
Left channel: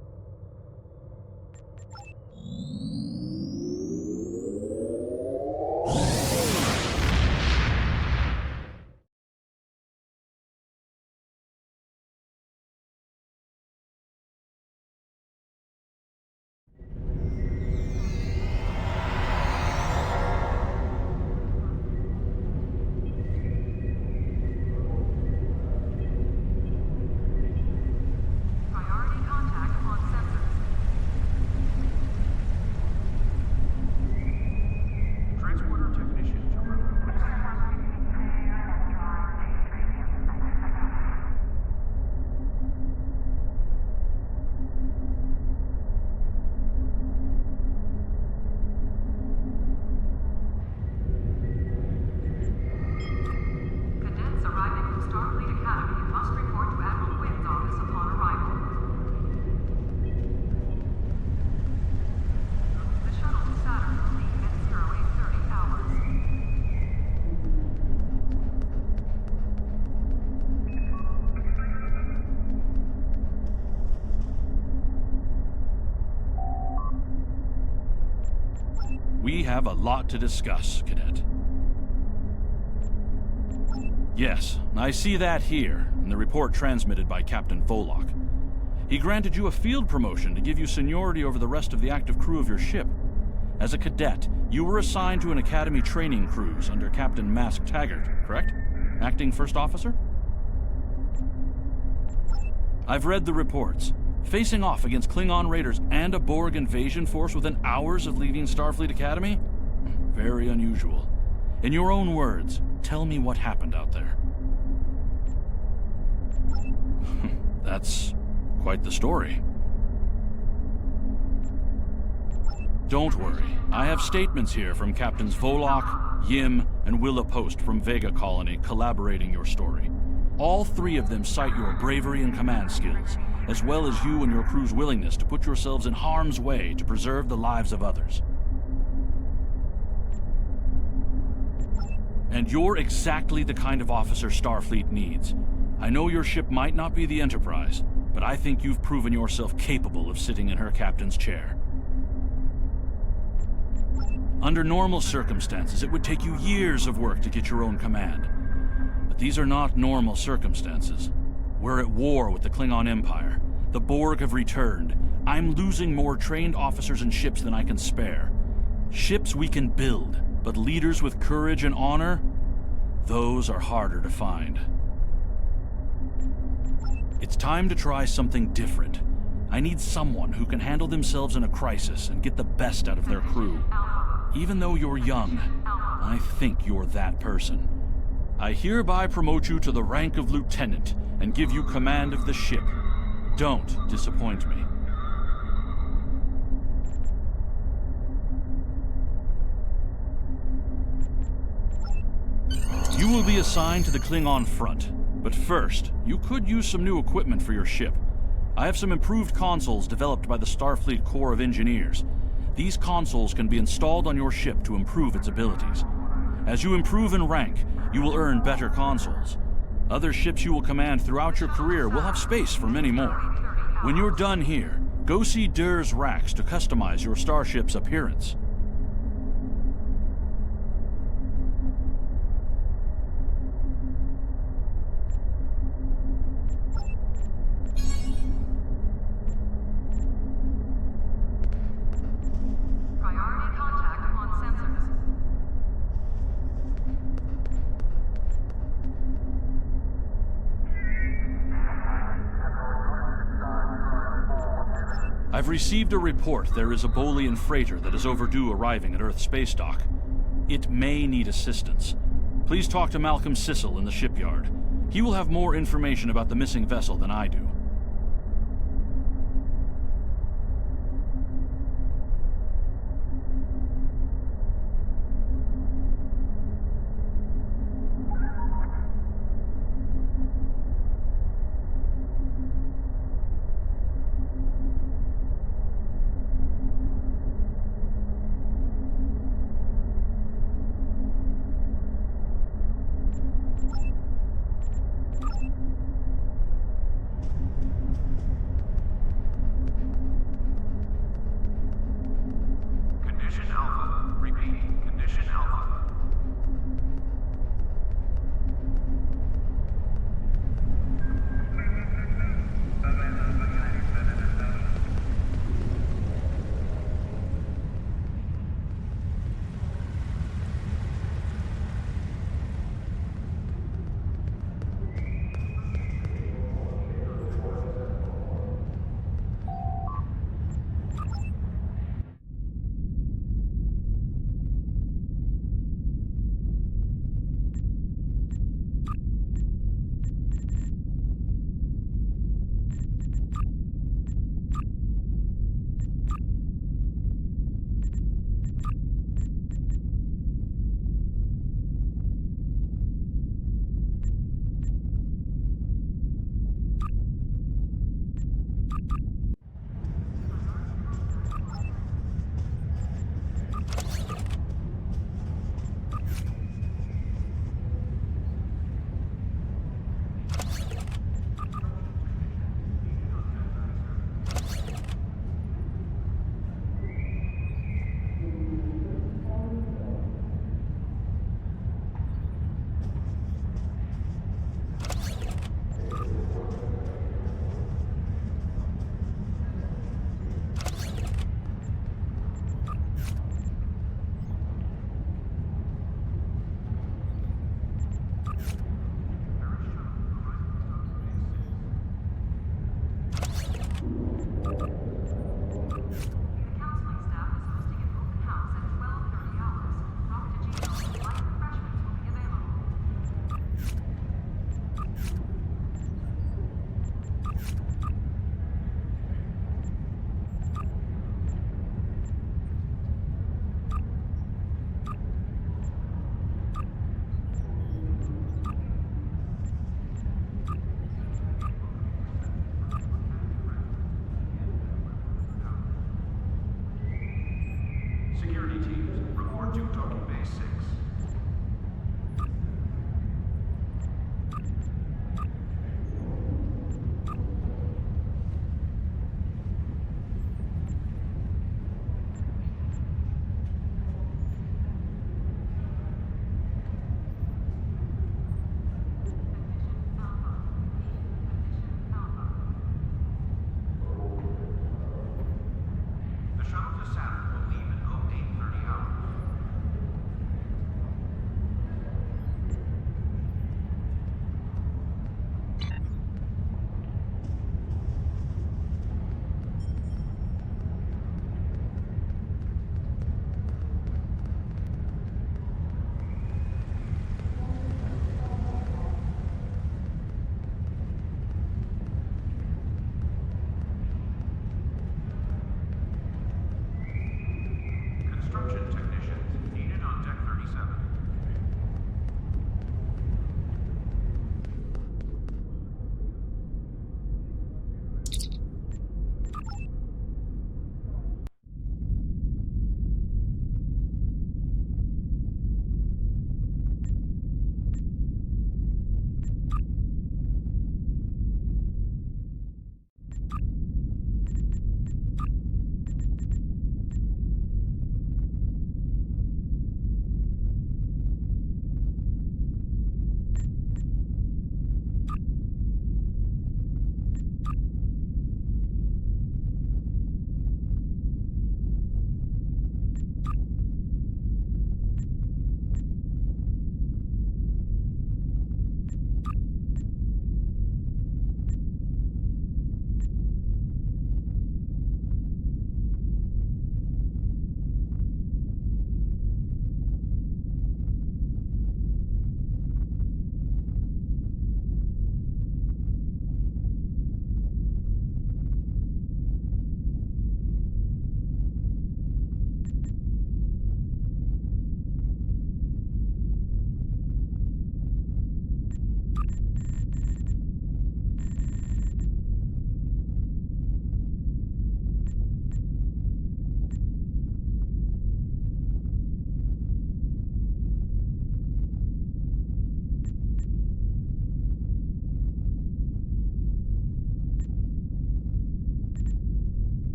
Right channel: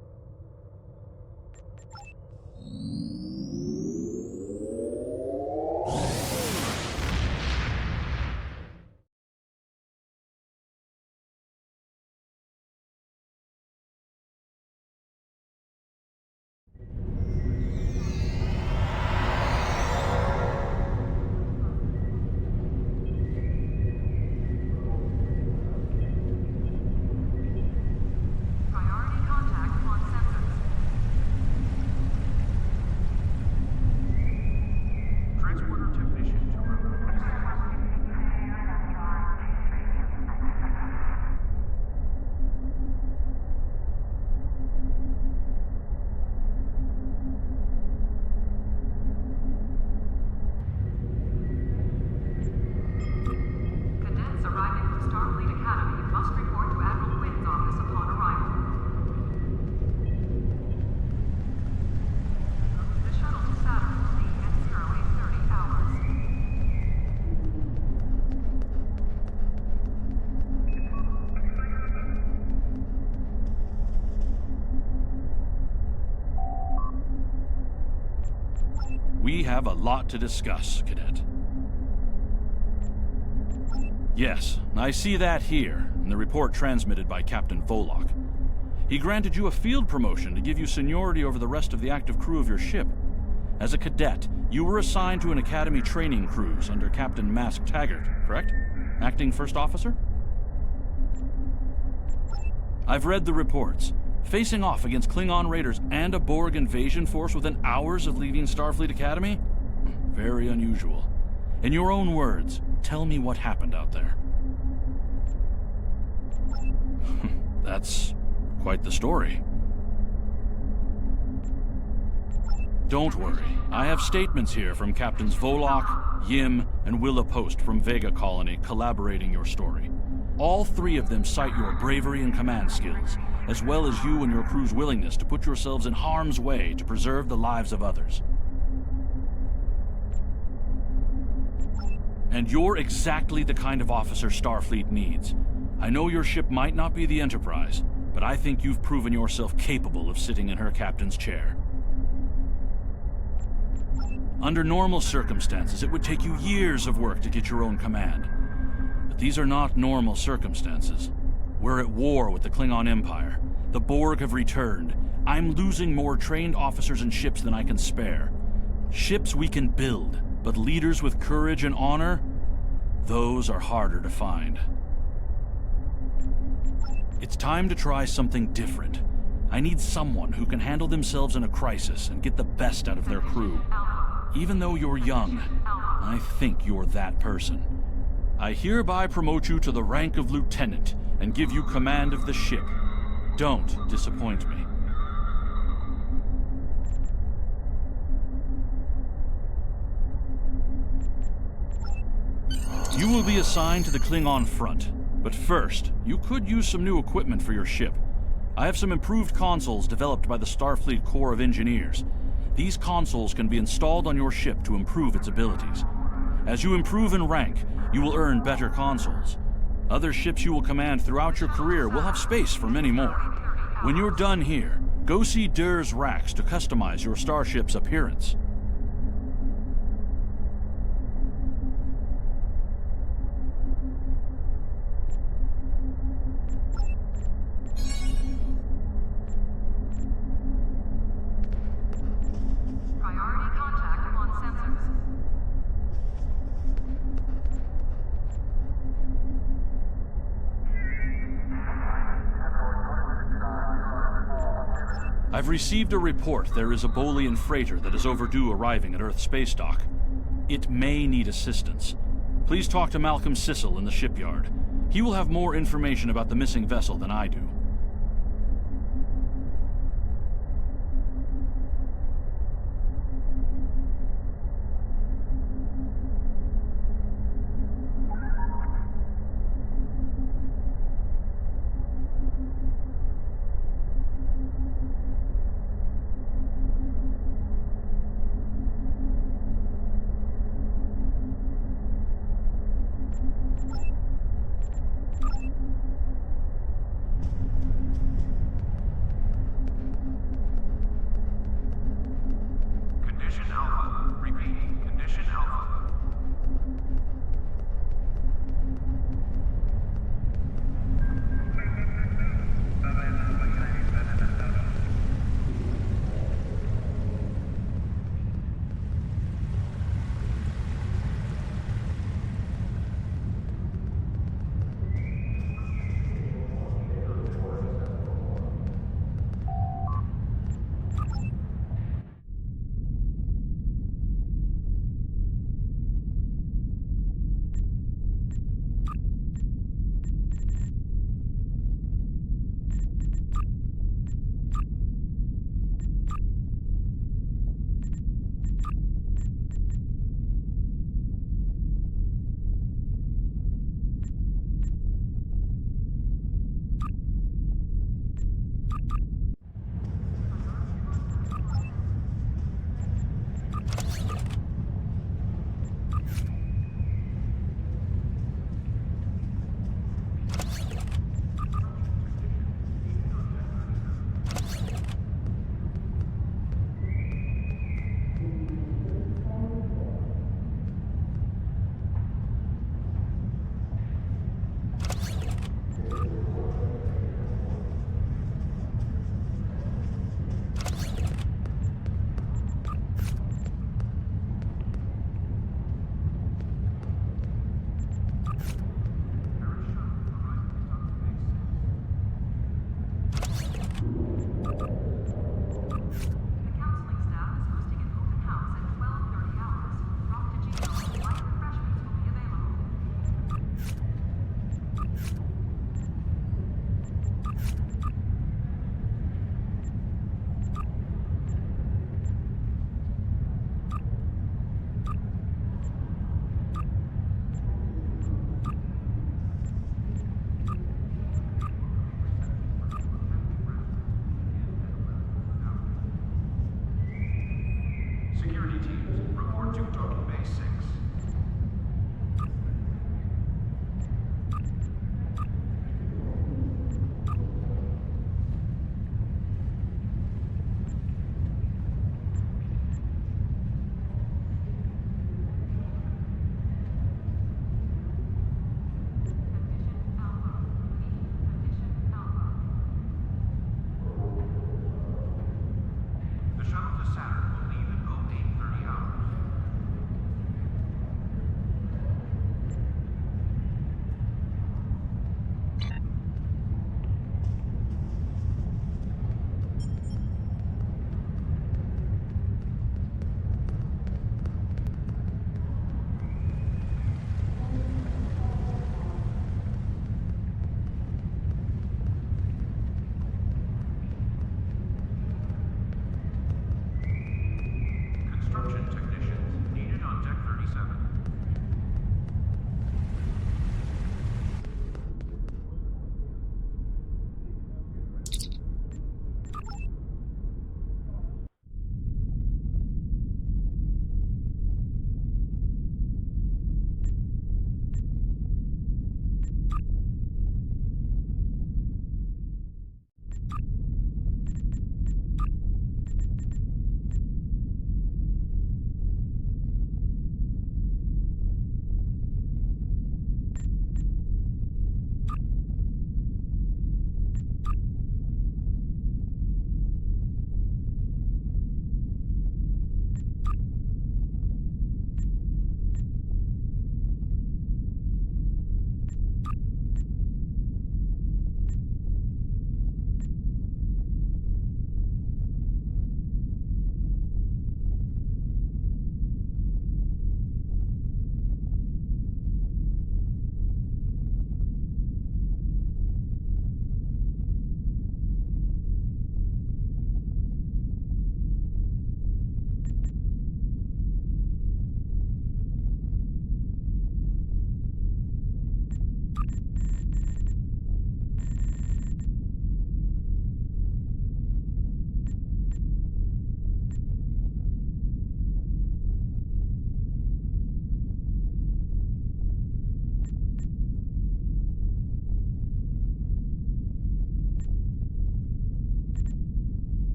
We have a lot to discuss, Cadet. Yes, I see that here, in the report transmitted by Captain Volok. He granted you a field promotion to give you seniority over the rest of the active crew of your ship. As a cadet, you were assigned to an Academy training cruise under Captain Mask Taggart, correct? Acting First Officer? I've read the reports. Facing off against Klingon raiders and a Borg invasion force within hours of leaving Starfleet Academy? Very unusual. In your own words, tell me what happened out there. That's quite the story. Don't worry. I have statements here from Captains Volok, Yim, and Willa Post from Vega Colony collaborating your story. All three of them cite your bravery and command skills, as well as you and your crew's willingness to put yourselves in harm's way to preserve the lives of others. And you're exactly the kind of officer Starfleet needs. I know your ship might not be the Enterprise, but I think you've proven yourself capable of sitting in her captain's chair. Under normal circumstances, it would take you years of work to get your own command. But these are not normal circumstances. We're at war with the Klingon Empire. The Borg have returned. I'm losing more trained officers and ships than I can spare. Ships we can build, but leaders with courage and honor? Those are harder to find. It's time to try something different. I need someone who can handle themselves in a crisis and get the best out of their crew. Even though you're young, I think you're that person. I hereby promote you to the rank of lieutenant and give you command of the ship. Don't disappoint me. You will be assigned to the Klingon front. But first, you could use some new equipment for your ship. I have some improved consoles developed by the Starfleet Corps of Engineers. These consoles can be installed on your ship to improve its abilities. As you improve in rank, you will earn better consoles. Other ships you will command throughout your career will have space for many more. When you're done here, go see Dur's racks to customize your starship's appearance. I've received a report there is a Bolian freighter that is overdue arriving at Earth space dock. It may need assistance. Please talk to Malcolm Sissel in the shipyard. He will have more information about the missing vessel than I do. counseling staff is hosting an open house at 12:30 hours. Frappuccino and light refreshments will be available. Security teams, report to Docking Bay 6. The shuttle to Saturn will leave at 0830 hours. Construction technicians needed on Deck 37.